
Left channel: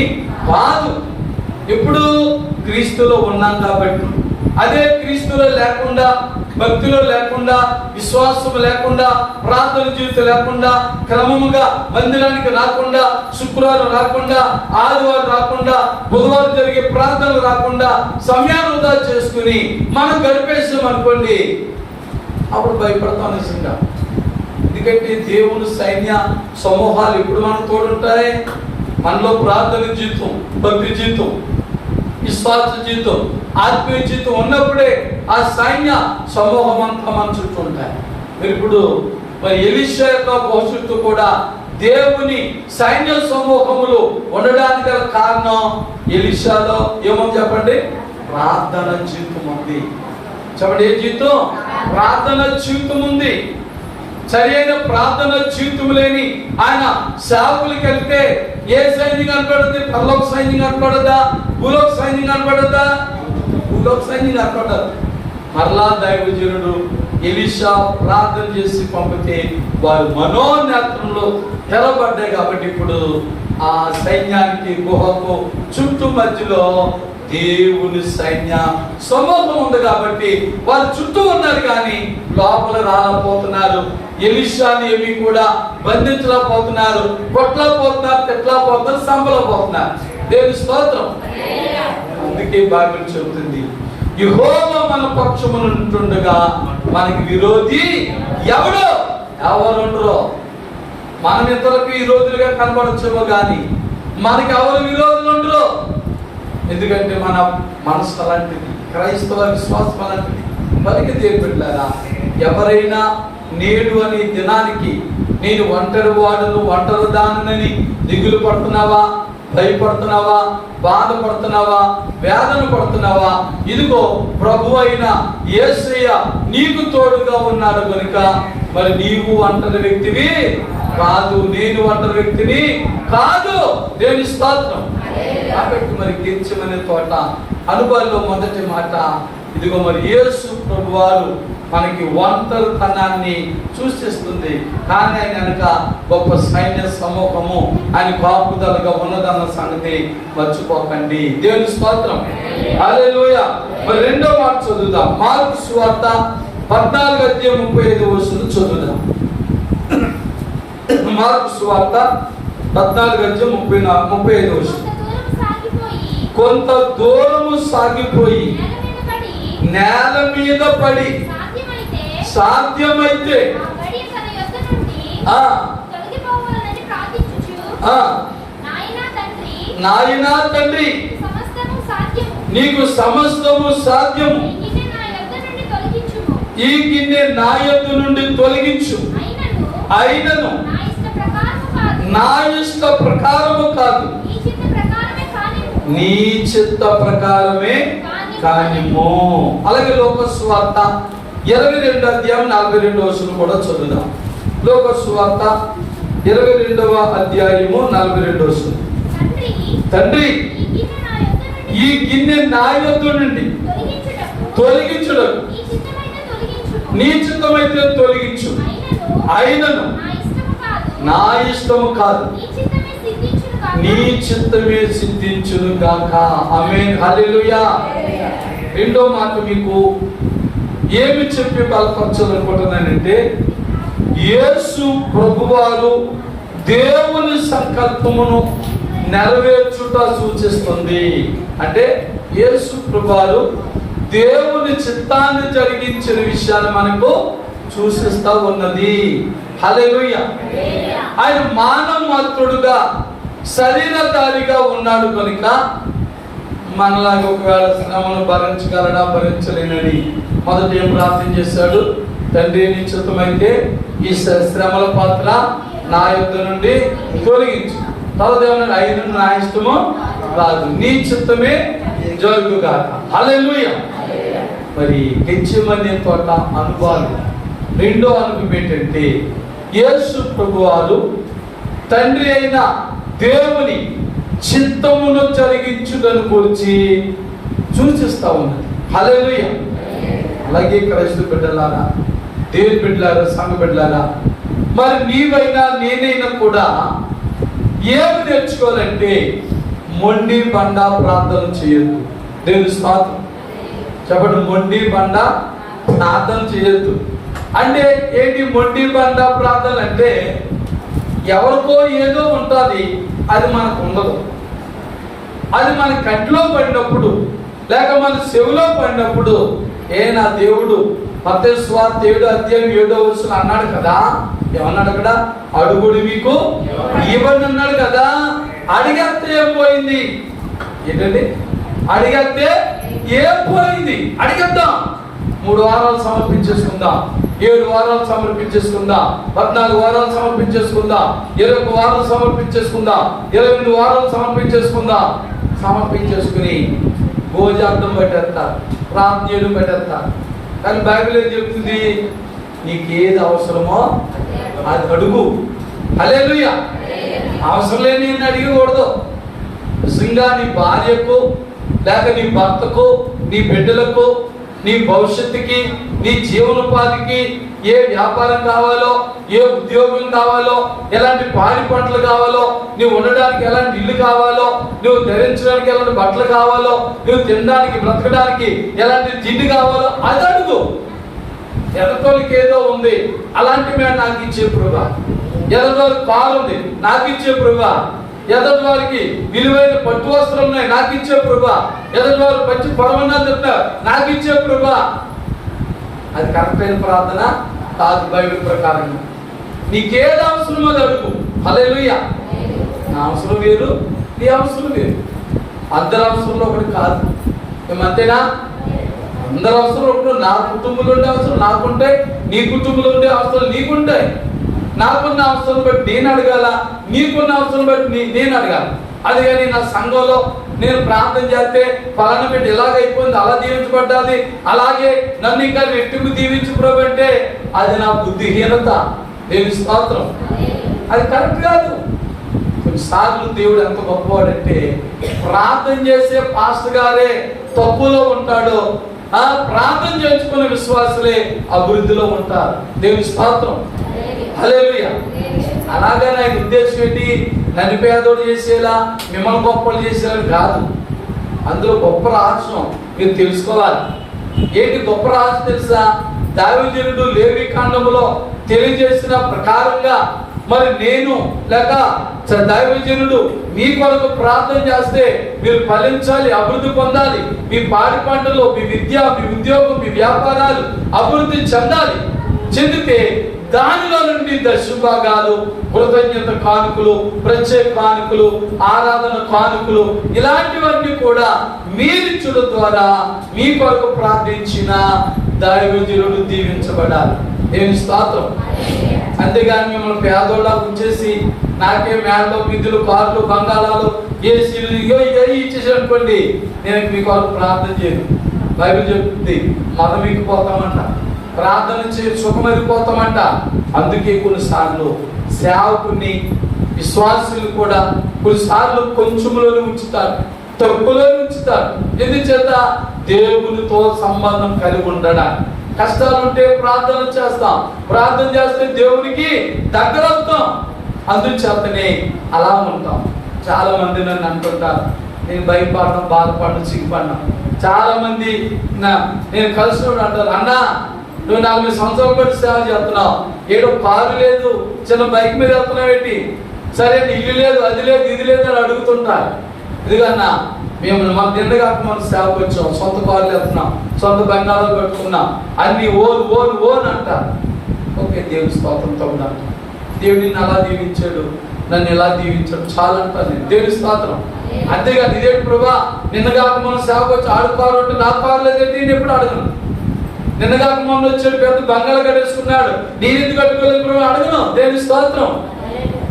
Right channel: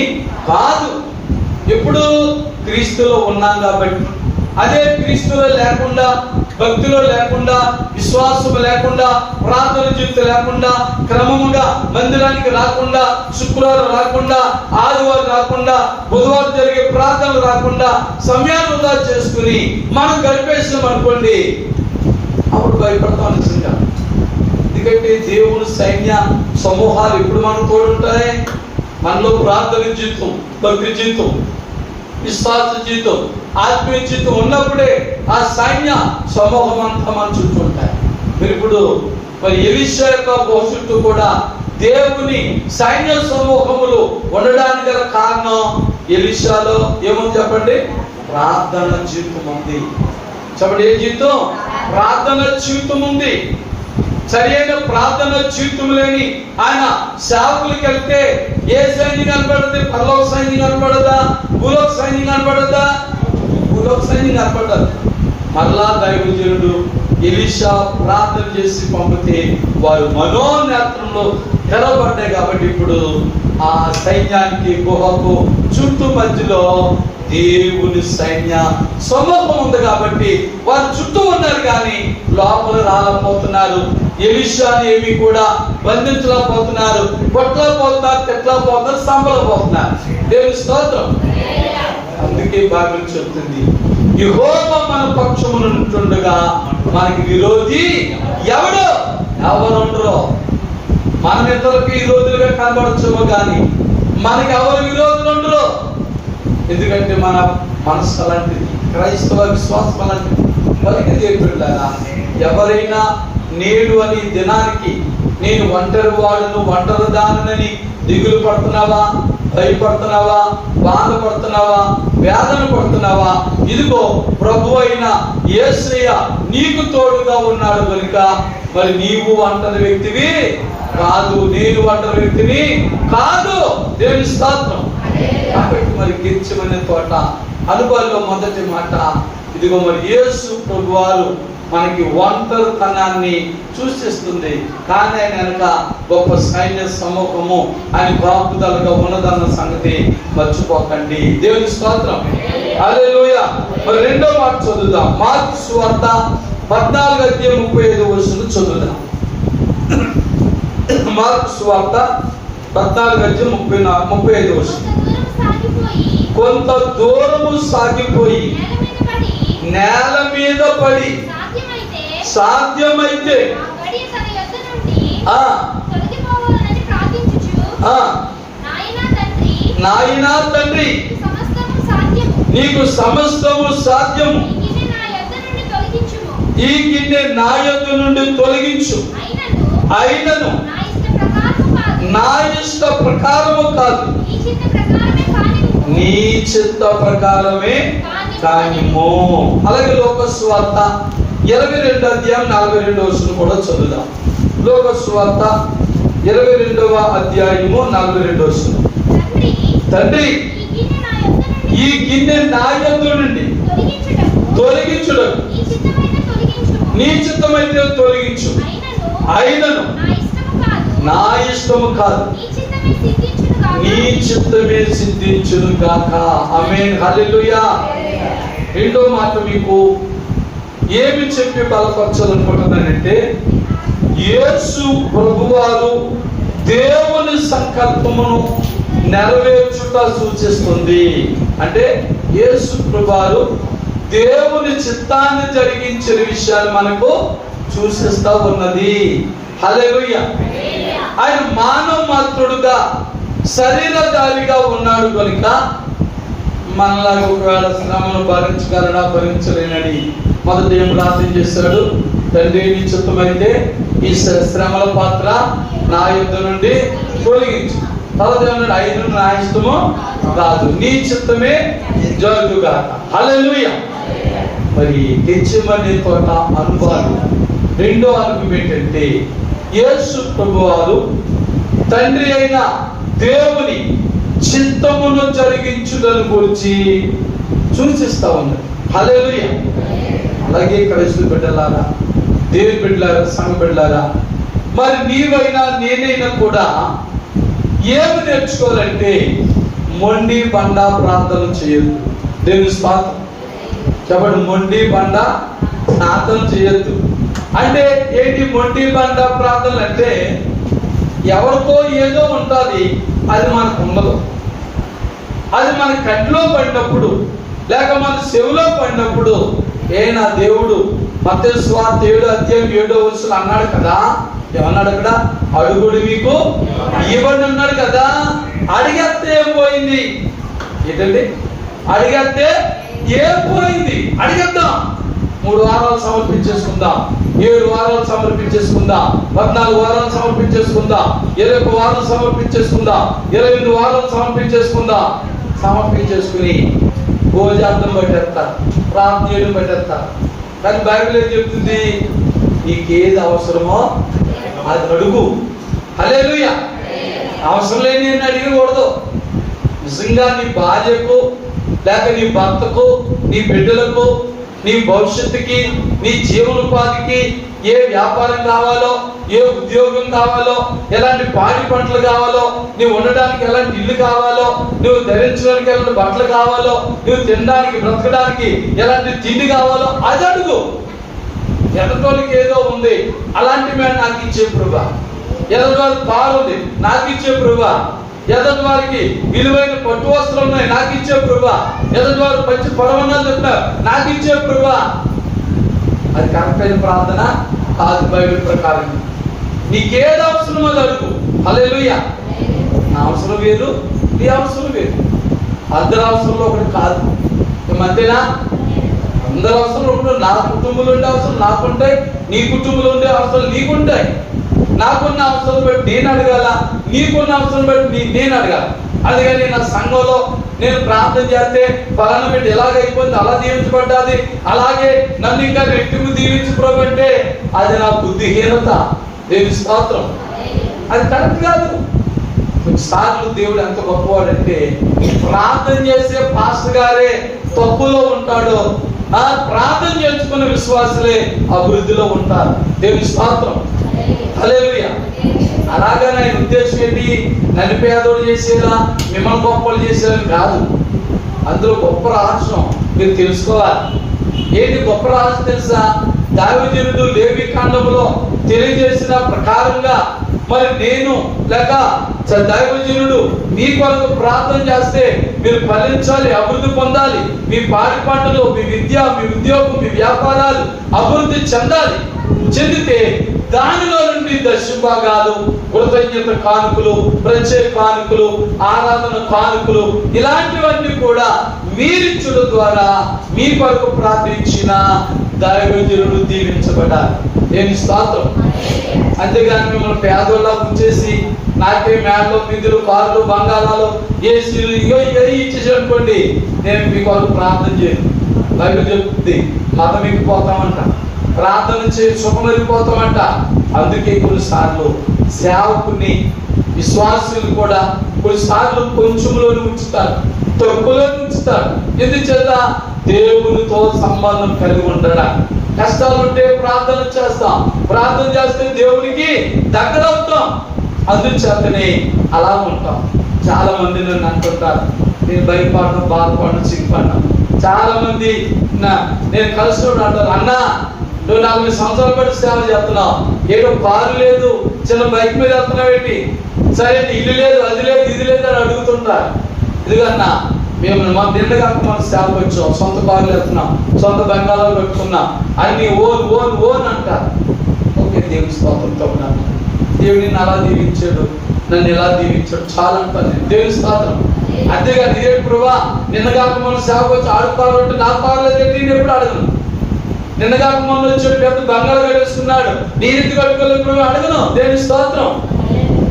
కాదు. ఎప్పుడు క్రీస్తులో ఉన్నాం కాబట్టి. అదే క్రీస్తులో లేకుండా, భక్తిలో లేకుండా, విశ్వాసం లేకుండా, ప్రార్థన జీవితం లేకుండా, క్రమంగా మందిరానికి రాకుండా, శుక్రవారం రాకుండా, ఆదివారం రాకుండా, బుధవారం జరిగే ప్రార్థనలు రాకుండా సమయాన్ని వృధా చేసుకుని మనం గడిపేసాం అనుకోండి, అప్పుడు భయపడతాం నిజంగా. ఎందుకంటే దేవుని సైన్య సమూహాలు ఇప్పుడు మనం తోడుంటాయి. మనలో ప్రార్థన జీవితం, భక్తి జీవితం, విశ్వాస జీవితం, ఆత్మీయ జీవితం ఉన్నప్పుడే ఆ సైన్య సమూహం అంతా మన చుట్టూ ఉంటాయి. మీరు ఇప్పుడు మరి ఎలీషా యొక్క భవిష్యత్తు కూడా దేవుని సైన్య సమూహములు ఉండడానికి గల కారణం, ఎలీషాలో ఏమని చెప్పండి? ప్రార్థన జీవితం ఉంది. చెప్పండి, ఏ జీవితం? ప్రార్థన జీవితం ఉంది. సరైన ప్రార్థన జీవితం లేని ఆయన సేవకులకి వెళ్తే ఏ సైన్యం కనపడదు? పరలోక సైన్యం కనపడదా? భూలోక సైన్యం కనపడదా? భూలోక సైన్యం కనపడదు. మరలా దైవజనుడు ఎలీషా ప్రార్థన చేసి పంపితే వారు మనోనేత్రంలో తెరబడ్డాయి. కాబట్టి ఇప్పుడు ఆ సైన్యానికి గుహకు చుట్టూ మధ్యలో దేవుని సైన్య సమూహం ఉంది. కాబట్టి వారు చుట్టూ ఉన్నారు కానీ లోపల రాలేకపోతున్నారు. ఎలీషాని ఏమి కూడా బంధించలేకపోతున్నారు, కొట్టలేకపోతున్నారు, తిట్టలేకపోతున్నారు, సంపలేకపోతున్నారు. దేవుని స్తోత్రం. అందుకే బైబిల్ చెబుతుంది, యెహోవా మన పక్షమున ఉంటుండగా మనకి విరోధి ఎవడు? ఎవరుండరో. మన ఇతరులకు విరోధులుగా కనబడచ్చేమో కానీ మనకి ఎవరు విరోధులు ఉండరు. ఎందుకంటే మన మనసు అలాంటిది, క్రైస్తవ విశ్వాసం అలాంటిది. బతికి దేవుళ్ళారా, ఎవరైనా నేడు అని దినానికి నేను ఒంటరి వాడును, ఒంటరి దానని దిగులు పడుతున్నావా, భయపడుతున్నావా, బాధపడుతున్నావా, వేదన పడుతున్నావా? ఇదిగో ప్రభు అయిన యేసయ్య నీకు తోడుగా ఉన్నాడు కనుక మరి నీవు ఒంటరి వ్యక్తివి కాదు, నేను ఒంటరి వ్యక్తిని కాదు. దేవుని స్తోత్రం. కాబట్టి మరి గెత్సేమనీ తోట అనుభవాల్లో మొదటి మాట ఇదిగో మరి యేసు ప్రభు వారు మనకి ఒంటరితనాన్ని సూచిస్తుంది. కానీ ఆయన వెనక గొప్ప సైన్య సమూహము ఆయన కాపుదలుగా ఉన్నదన్న సంగతి మర్చిపోకండి. దేవుని స్తోత్రం, హల్లెలూయా. మరి రెండో మాట చదువుదాం. మార్కు సువార్త 14:35 చదువుదాం. మార్కు సువార్త 14:35. కొంత దూరము సాగిపోయి నేల మీద పడి సాధ్యమైతే నాయనా తండ్రి నీకు సమస్తము సాధ్యము, ఈ గిన్నె నా యొద్ద నుండి తొలగించు, అయినను నా ఇష్ట ప్రకారము కాదు నీ చిత్త ప్రకారమే కానిమో. అలాగే లోకస్వార్త 22:42 కూడా చదువుదాం. లోకస్వార్త 22:42. తండ్రి ఈ గిన్నె నా యొద్ద నుండి తొలగించుటకు నీ చిత్తమైతే తొలగించు, అయినను నా ఇష్టము కాదు నీ చిత్తమే సిద్ధించును గాక. ఆమేన్, హల్లెలూయా. రెండో మాట మీకు ఏమి చెప్పి బలపరచాలనుకుంటున్నానంటే, యేసు ప్రభువారు దేవుని సంకల్పమును నెరవేర్చుట సూచిస్తుంది. అంటే యేసు ప్రభువారు దేవుని చిత్తాన్ని జరిగించిన విషయాలు మనకు సూచిస్తా ఉన్నది. హల్లెలూయా. ఆయన మానవ మాత్రుడుగా శరీరధారిగా ఉన్నాడు కనుక మనలాగా ఒకవేళ శ్రమను భరించగలడా భరించలేనని మొదట ఏం ప్రార్థన చేశాడు? తండ్రి నీ చిత్తమైతే ఈ శ్రమల పాత్ర నా యొద్ద నుండి తొలగించు. తర్వాత ఏమన్నాడు? అయిన నా ఇష్టము కాదు నీ చిత్తమే జరుగుగా. హల్లెలూయా. మరి గెత్సేమనే తోట అనుభవాలు రెండో అనుభవం ఏంటంటే, యేసు ప్రభువారు తండ్రి అయిన దేవుని చిత్తమును జరిగించుటను గురించి సూచిస్తా ఉన్నారు. హల్లెలూయా. అలాగే క్రైస్తవ బిడ్డలారా, దేవుని బిడ్డలారా, సంఘ బిడ్డలారా, మరి నీవైనా నేనైనా కూడా ఏమి నేర్చుకోవాలంటే, మొండి బండ ప్రార్థన చేయొద్దు. దేవుని స్తోత్రం చెప్పండి. మొండి బండ ప్రార్థన చేయొద్దు అంటే ఏంటి? మొండి బండ ప్రార్థన అంటే ఎవరికో ఏదో ఉంటుంది, అది మనకు ఉండదు. అది మన కంటిలో పడినప్పుడు లేక మన చెవిలో పడినప్పుడు, నా దేవుడు మత్తయి సువార్త 7:7 అన్నాడు కదా. ఏమన్నాడు అక్కడ? అడుగుడు మీకు ఇవ్వండి అన్నాడు కదా. అడిగేస్తే ఏం పోయింది? ఏంటండి? అడిగేస్తే ఏం పోయింది? అడిగేద్దాం. 3 వారాలు సమర్పించేసుకుందాం, 7 వారాలు సమర్పించేసుకుందాం, 14 వారాలు సమర్పించేసుకుందాం, 21 వారాలు సమర్పించేసుకుందాం, 28 వారాలు సమర్పించేసుకుందాం. సమర్పించేసుకుని భోజార్థం పట్టేస్తా, ప్రార్థనలు పట్టేస్తా. కానీ బైబిల్ ఏం చెప్తుంది? నీకేది అవసరమో అది అడుగు. హల్లెలూయా. అవసరం లేని అడిగకూడదు. నిజంగా నీ భార్యకు లేక నీ భర్తకు, నీ బిడ్డలకు, నీ భవిష్యత్తుకి, నీ జీవనోపాధికి ఏ వ్యాపారం కావాలో, ఏ ఉద్యోగం కావాలో, ఎలాంటి పాడి పంటలు కావాలో, నువ్వు ఉండడానికి ఎలాంటి ఇల్లు కావాలో, నువ్వు ధరించడానికి ఎలాంటి బట్టలు కావాలో, నువ్వు తినడానికి బ్రతకడానికి ఎలాంటి తిండి కావాలో అది అడుగు. ఎదటోళ్ళకి ఏదో ఉంది, అలాంటి మీద నాకు ఇచ్చే ప్రభువా. ఎదటివారికి కారు ఉంది, నాకు ఇచ్చే ప్రభువా. ఎదటి వారికి విలువైన పట్టు వస్త్రం ఉన్నాయి, నాకు ఇచ్చే ప్రభువా. ఎదటి వారు మంచి పొరవన్నాలు చెప్పినా నాకు ఇచ్చే ప్రభువా. అది కరెక్ట్ అయిన ప్రార్థన కాదు బైబిల్ ప్రకారం. నీకేది అవసరమో అది అడుగు. హల్లెలూయా. నా అవసరం వేరు, నీ అవసరం వేరు. అందరి అవసరంలో ఒకటి కాదు. మధ్యనా అందరి అవసరం ఒకటి. నా కుటుంబంలో ఉండే అవసరం నాకుంటాయి, నీ కుటుంబంలో ఉండే అవసరాలు నీకుంటాయి. నాకున్న అవసరం బట్టి నేను అడగాల, నీకున్న అవసరం బట్టి నేను అడగాల. అది కానీ నా సంఘంలో నేను ప్రార్థన చేస్తే పలానా పెట్టి ఎలాగైపోయింది, అలా దీవించబడ్డాది, అలాగే నన్ను ఇంకా రెట్టింపు దీవించు ప్రభు అంటే అది నా బుద్ధిహీనత. దేవుని స్తోత్రం. అది కరెక్ట్ కాదు. కొన్నిసార్లు దేవుడు ఎంత గొప్పవాడంటే, ప్రార్థన చేసే పాస్టర్ గారే తప్పులో ఉంటాడు, ప్రార్థన చేసుకున్న విశ్వాసులే అభివృద్ధిలో ఉంటారు. దేవుని స్తోత్రం. హల్లెలూయా. అలాగే ఆయన ఉద్దేశం ఏంటి? నన్ను పేదోడు చేసేలా, మిమ్మల్ని గొప్పలు చేసేలా కాదు. అందులో గొప్ప రహస్యం మీరు తెలుసుకోవాలి. ఏంటి గొప్ప రహస్యం తెలుసా? దావీదు లేవి కాండములో తెలియజేసిన ప్రకారంగా మరి నేను లేక దైవజనుడు మీ కొరకు ప్రార్థన చేస్తే మీరు ఫలించాలి, అభివృద్ధి పొందాలి, మీ పాడి పంటలు, మీ విద్య, మీ ఉద్యోగం, మీ వ్యాపారాలు అభివృద్ధి చెందితే దానిలో నుండి దశభాగాలు, కృతజ్ఞత కానుకలు, ప్రత్యేక కానుకలు, ఆరాధన కానుకలు ఇలాంటివన్నీ కూడా మీరిచ్చుల ద్వారా మీ కొరకు ప్రార్థించిన దైవజనుడు దీవించబడాలి. ఏమి స్తోత్రం. అంతేగాని మిమ్మల్ని పేదోళ్ళ ఉంచేసి నాకే మేడలో, మిద్దులు, కార్లు, బంగాళాలు, ఏసీలు ఇచ్చేసి అనుకోండి, నేను మీ కొరకు ప్రార్థన చేయను. బైబిల్ చెప్తుంది మతం ఎక్కిపోతామంట, ప్రార్థన చేసి సుఖమైపోతామంట. అందుకే కొన్నిసార్లు సేవకుని, విశ్వాసులు కూడా కొన్నిసార్లు కొంచెంలోనే ఉంచుతారు, తక్కువలో ఉంచుతారు. ఎందుచేత దేవునితో సంబంధం కలిగి ఉండడా. కష్టాలు ఉంటే ప్రార్థన చేస్తాం, ప్రార్థన చేస్తే దేవునికి దగ్గర అవుతాం. అందుచేతనే అలా ఉంటాం. చాలా మంది నన్ను అంటుంటారు, నేను భయపడడం, బాధపడడం, సిగ్గుపడ్డాను. చాలా మంది నేను కలిసి అంటారు, అన్నా నువ్వు 40 సంవత్సరాల పాటు సేవ చేస్తున్నావు, ఏదో కారు లేదు, చిన్న బైక్ మీద వెళ్తున్నావు ఏంటి, సరే ఇల్లు లేదు, అది లేదు, ఇది లేదు అని అడుగుతుంటారు. ఇదిగన్నా మేము నిండగాక మనం సేవకు వచ్చాం, సొంత కార్లు వెళ్తున్నాం, సొంత బంగాళాలు పెట్టుకున్నాం, అన్ని ఓన్ ఓన్ ఓన్ అంటారు. ఓకే, దేవుని స్తోత్రంతో ఉన్నాను. దేవుడు నిన్ను అలా దీవించాడు, నన్ను ఎలా దీవించాడు చాలా అంటాను నేను. దేవుని స్తోత్రం. అంతేగాని ఇదే ప్రభా నిన్నగాక మనం సేవకు వచ్చి ఆడుకోరు అంటే నాకు కారు లేదంటే నేను ఎప్పుడు అడగను. నిన్నగాక మొన్న వచ్చాడు పెద్ద బంగాళా కట్టేసుకున్నాడు, నేను ఎందుకు కట్టుకోలేదు ప్రభు అడగను. దేవుని స్తోత్రం.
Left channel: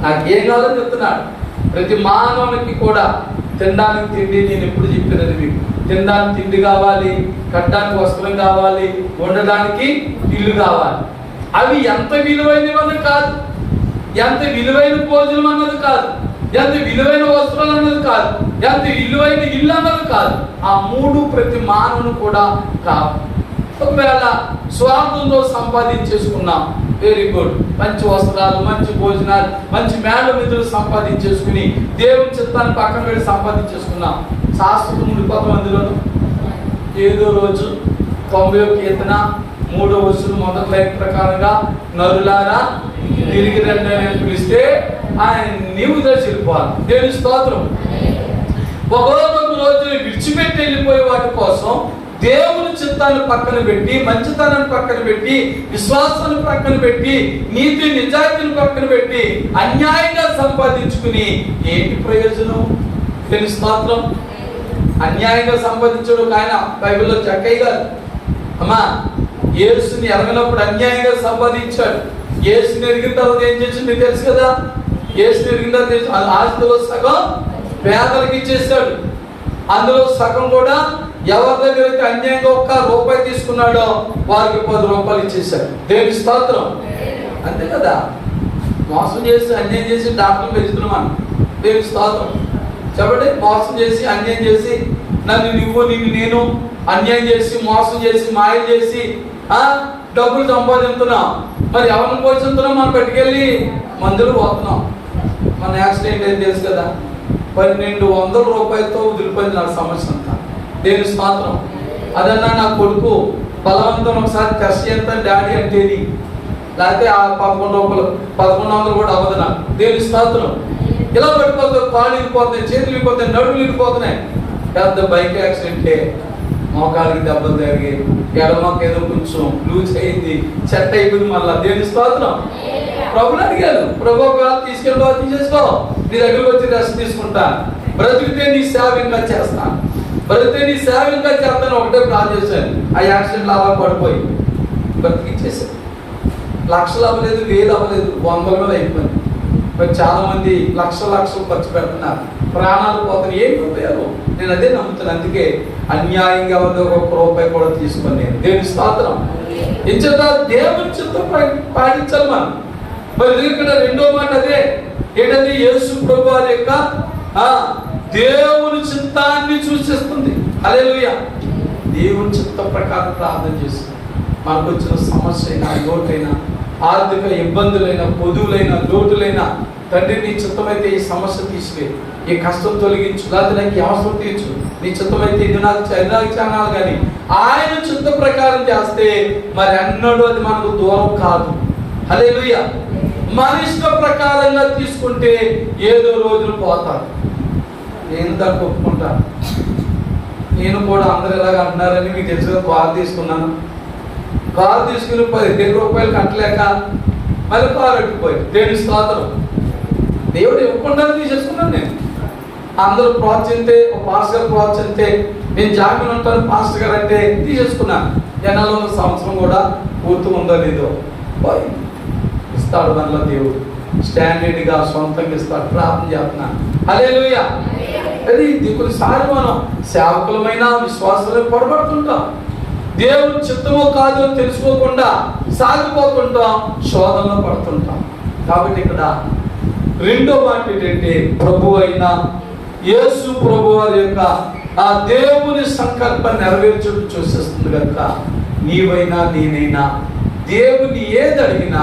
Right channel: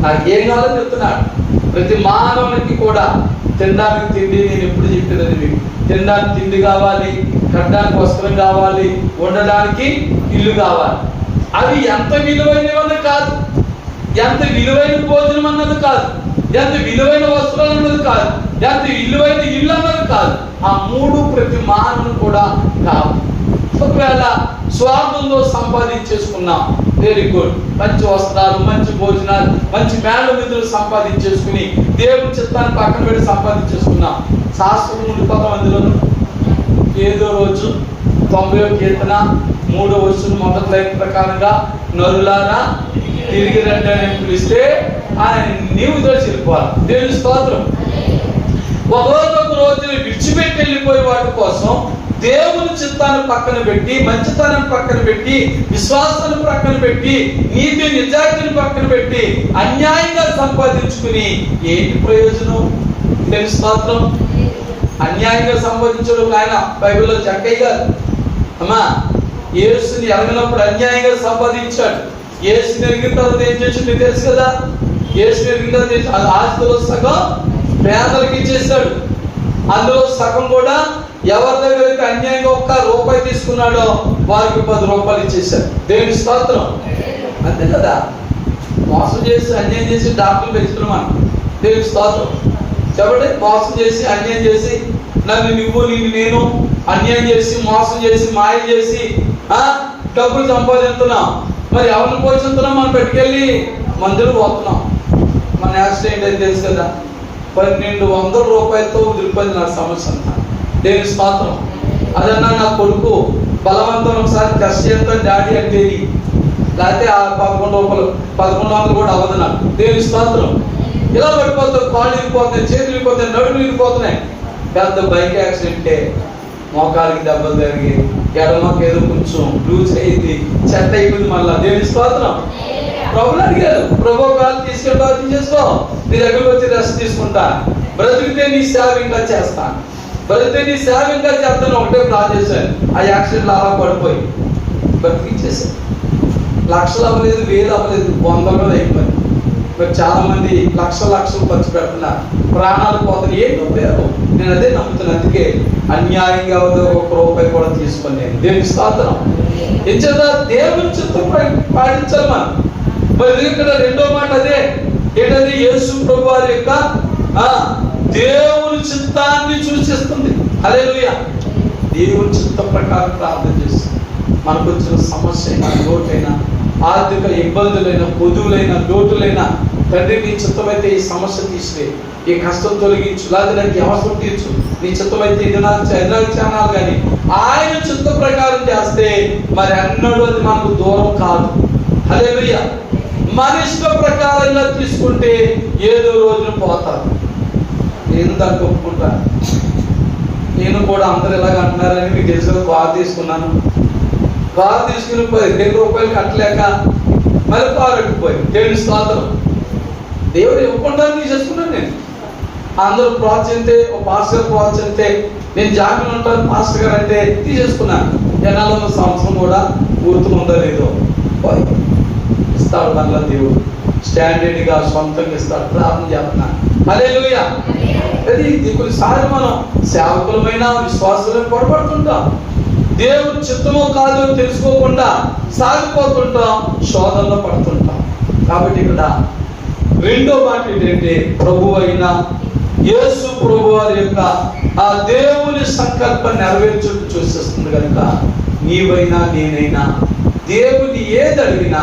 నాకేం కావాలో చెప్తున్నాడు. ప్రతి మానవునికి కూడా తినడానికి తిండి, నేను ఎప్పుడు చెప్పినది మీకు, తినడానికి తిండి కావాలి, కట్టడానికి వస్త్రం కావాలి, ఉండడానికి ఇల్లు కావాలి. అవి ఎంత విలువైనవన్నది కాదు, ఎంత విలువైన భోజనం అన్నది కాదు, ఎంత విలువైన వస్త్రాలు అన్నది కాదు, ఎంత విలువైన ఇల్లు అన్నది కాదు. ఆ 3 ప్రతి మానవుని కూడా కాదు. ఒకవేళ స్వార్థంలో సంపాదించేసుకున్నాం, వెరీ గుడ్, మంచి వస్త్రాలు, మంచి భోజనాలు, మంచి మేడ నిధులు సంపాదించేసుకుని దేవుని చిత్తాన్ని పక్కన పెట్టి సంపాదించేసుకున్నాం. శాస్త్రం ఉండిపోతాం. అందులోనూ ఏదో రోజు 90వ కీర్తన 3వ వచనం మొదటి లైన్ ప్రకారంగా నరులారా తిరిగి రండి అని పిలిస్తే ఆయన నీవు దర్శిపోవాలి. దేవుని స్తోత్రం. ఒక రోజు విడిచిపెట్టి వెళ్ళిపోయే వాటి కోసం దేవుని చిత్తాన్ని పక్కన పెట్టి, మంచితనాన్ని పక్కన పెట్టి, విశ్వాసాన్ని పక్కన పెట్టి, నీతి నిజాయితీని పక్కన పెట్టి అన్యాయంగా సంపాదించుకుని ఏంటి ప్రయోజనం? తెలుసు మాత్రం అన్యాయంగా సంపాదించడం ఆయన బైబిల్లో చక్కయ్య గారు అమ్మా యేసుని ఎరగినప్పుడు అన్యాయంగా సంపాదించాడు. యేసుని ఎరిగిన తర్వాత ఏం చేసి మీకు తెలుసు కదా. యేసుని ఎరిగిన తర్వాత ఆస్తిలో సగం పేదలకు ఇచ్చేసాడు, అందులో సగం కూడా ఎవరి దగ్గర అయితే అన్యాయంగా ₹1 తీసుకున్నాడో వారికి ₹10 ఇచ్చేశారు. దేవుని స్తోత్రం. అంతే కదా. మోసం చేసి అన్యాయం చేసి డాక్టర్లు పెంచుతున్నాం. దేవుని స్తోత్రం. చెప్పండి, మోసం చేసి అన్యాయం చేసి నన్ను నువ్వు నేను అన్యాయం చేసి మోసం చేసి మాయ చేసి డబ్బులు సంపాదిస్తున్నాం. మరి ఎవరిని పోషిస్తున్నాం? మనం పెట్టుకెళ్ళి మందులు పోతున్నాం. మన యాక్సిడెంట్ అయితే తెలుసు కదా, ₹1200 వదిలిపోయింది నా సమస్య అంతా. దేవుని స్తోత్రం. అదన్నా నా కొడుకు బలవంతం ఒకసారి టెస్ట్ చేస్తాను డాడీ అంటే, లేకపోతే ఆ $1100 కూడా అవ్వదు నాకు. దేవుని స్తోత్రం. ఇలా పడిపోతుంది, కాళ్ళు ఇరిగిపోతున్నాయి, చేతులు ఇరిగిపోతున్నాయి, నడుములు ఇరిగిపోతున్నాయి. పెద్ద బైక్ యాక్సిడెంటే, మోకాళ్ళకి దెబ్బలు జరిగి ఎడమకు ఏదో కొంచెం లూజ్ అయింది, చెట్ట అయిపోయింది. మళ్ళా దేవుని స్తోత్రం. ప్రభుని అడిగారు, ప్రభు కాదు తీసుకెళ్ళి బాగా తీసేసుకో, నీ దగ్గరకు వచ్చి రెస్ట్ తీసుకుంటా, బ్రతికితే నీ సేవ ఇంకా చేస్తాను, బ్రతికితే నీ సేవ ఇంకా చేస్తాను. ఒకటే ప్లాన్ చేశాను. ఆ యాక్సిడెంట్లు అలా పడిపోయి బ్రతికిచ్చేసాను. లక్షలు అవ్వలేదు, 1000 అవ్వలేదు, 100 అయిపోయింది. మరి చాలా మంది లక్షలు ఖర్చు పెడుతున్నారు, ప్రాణాలు పోతాయి. ఏంటి ఉపయోగం? నేను అదే నమ్ముతాను. అందుకే అన్యాయంగా ₹1 కూడా తీసుకోలేదు. దేవుని స్తోత్రం. ఎంచేత దేవుని చిత్తం పాటించాలి మనం. మరి ఇక్కడ రెండో మాట అదే ఏంటంటే యేసు ప్రభువారి యొక్క దేవుని చిత్తాన్ని సూచిస్తుంది. హల్లెలూయా. దేవుని చిత్తం ప్రకారం ప్రార్థన చేస్తుంది. మనకు వచ్చిన సమస్య అయినా, లోటైనా, ఆర్థిక ఇబ్బందులైనా, పొదువులైనా, లోటులైనా, తండ్రి నీ చిత్తమైతే ఈ సమస్య తీసివే, ఈ కష్టం తొలగించు, లేదా నాకు అవసరం తీర్చు, నీ చిత్తమైతే ఇది నాకు చానాలి. కానీ ఆయన చిత్త ప్రకారం చేస్తే మరి అన్నడు అది మనకు దూరం కాదు. హల్లెలూయా. మన ఇష్ట ప్రకారంగా తీసుకుంటే ఏదో రోజులు పోతారు. నేను దాన్ని ఒప్పుకుంటాను. నేను కూడా అందరు ఎలాగ అంటున్నారని మీకు తెలుసు. కారు తీసుకున్నాను, కారు తీసుకుని 15 రూపాయలు కట్టలేక మళ్ళీ కారు అట్టుకుపోయి దేవుని స్తోత్రం. దేవుడు ఇవ్వకుండా తీసేసుకున్నాను. నేను అందరూ ప్రోత్సహిస్తే, ఒక పాస్టర్ గారు ప్రోత్సహిస్తే నేను జామీన్ ఉంటాను పాస్టర్ గారు అంటే తీసేసుకున్నాను. జనాల్లో సంవత్సరం కూడా పూర్తిగా లేదో ఇస్తాడు. మళ్ళీ దేవుడు స్టాండర్డ్గా సొంతంగా ఇస్తాడు. ప్రార్థన చేస్తున్నాను. హల్లెలూయా. అది కొన్నిసార్లు మనం సేవకులమైన విశ్వాసాలు పొరపడుతుంటాం. దేవుని చిత్తమో కాదో తెలుసుకోకుండా సాగిపోతుంటాం, శోధనలో పడుతుంటాం. కాబట్టి ఇక్కడ రెండో మాట ఏంటంటే, ప్రభు అయిన యేసు ప్రభు వారి యొక్క ఆ దేవుని సంకల్పం నెరవేర్చుటకు చూసేస్తుంది కనుక నీవైనా నేనైనా దేవుని ఏది అడిగినా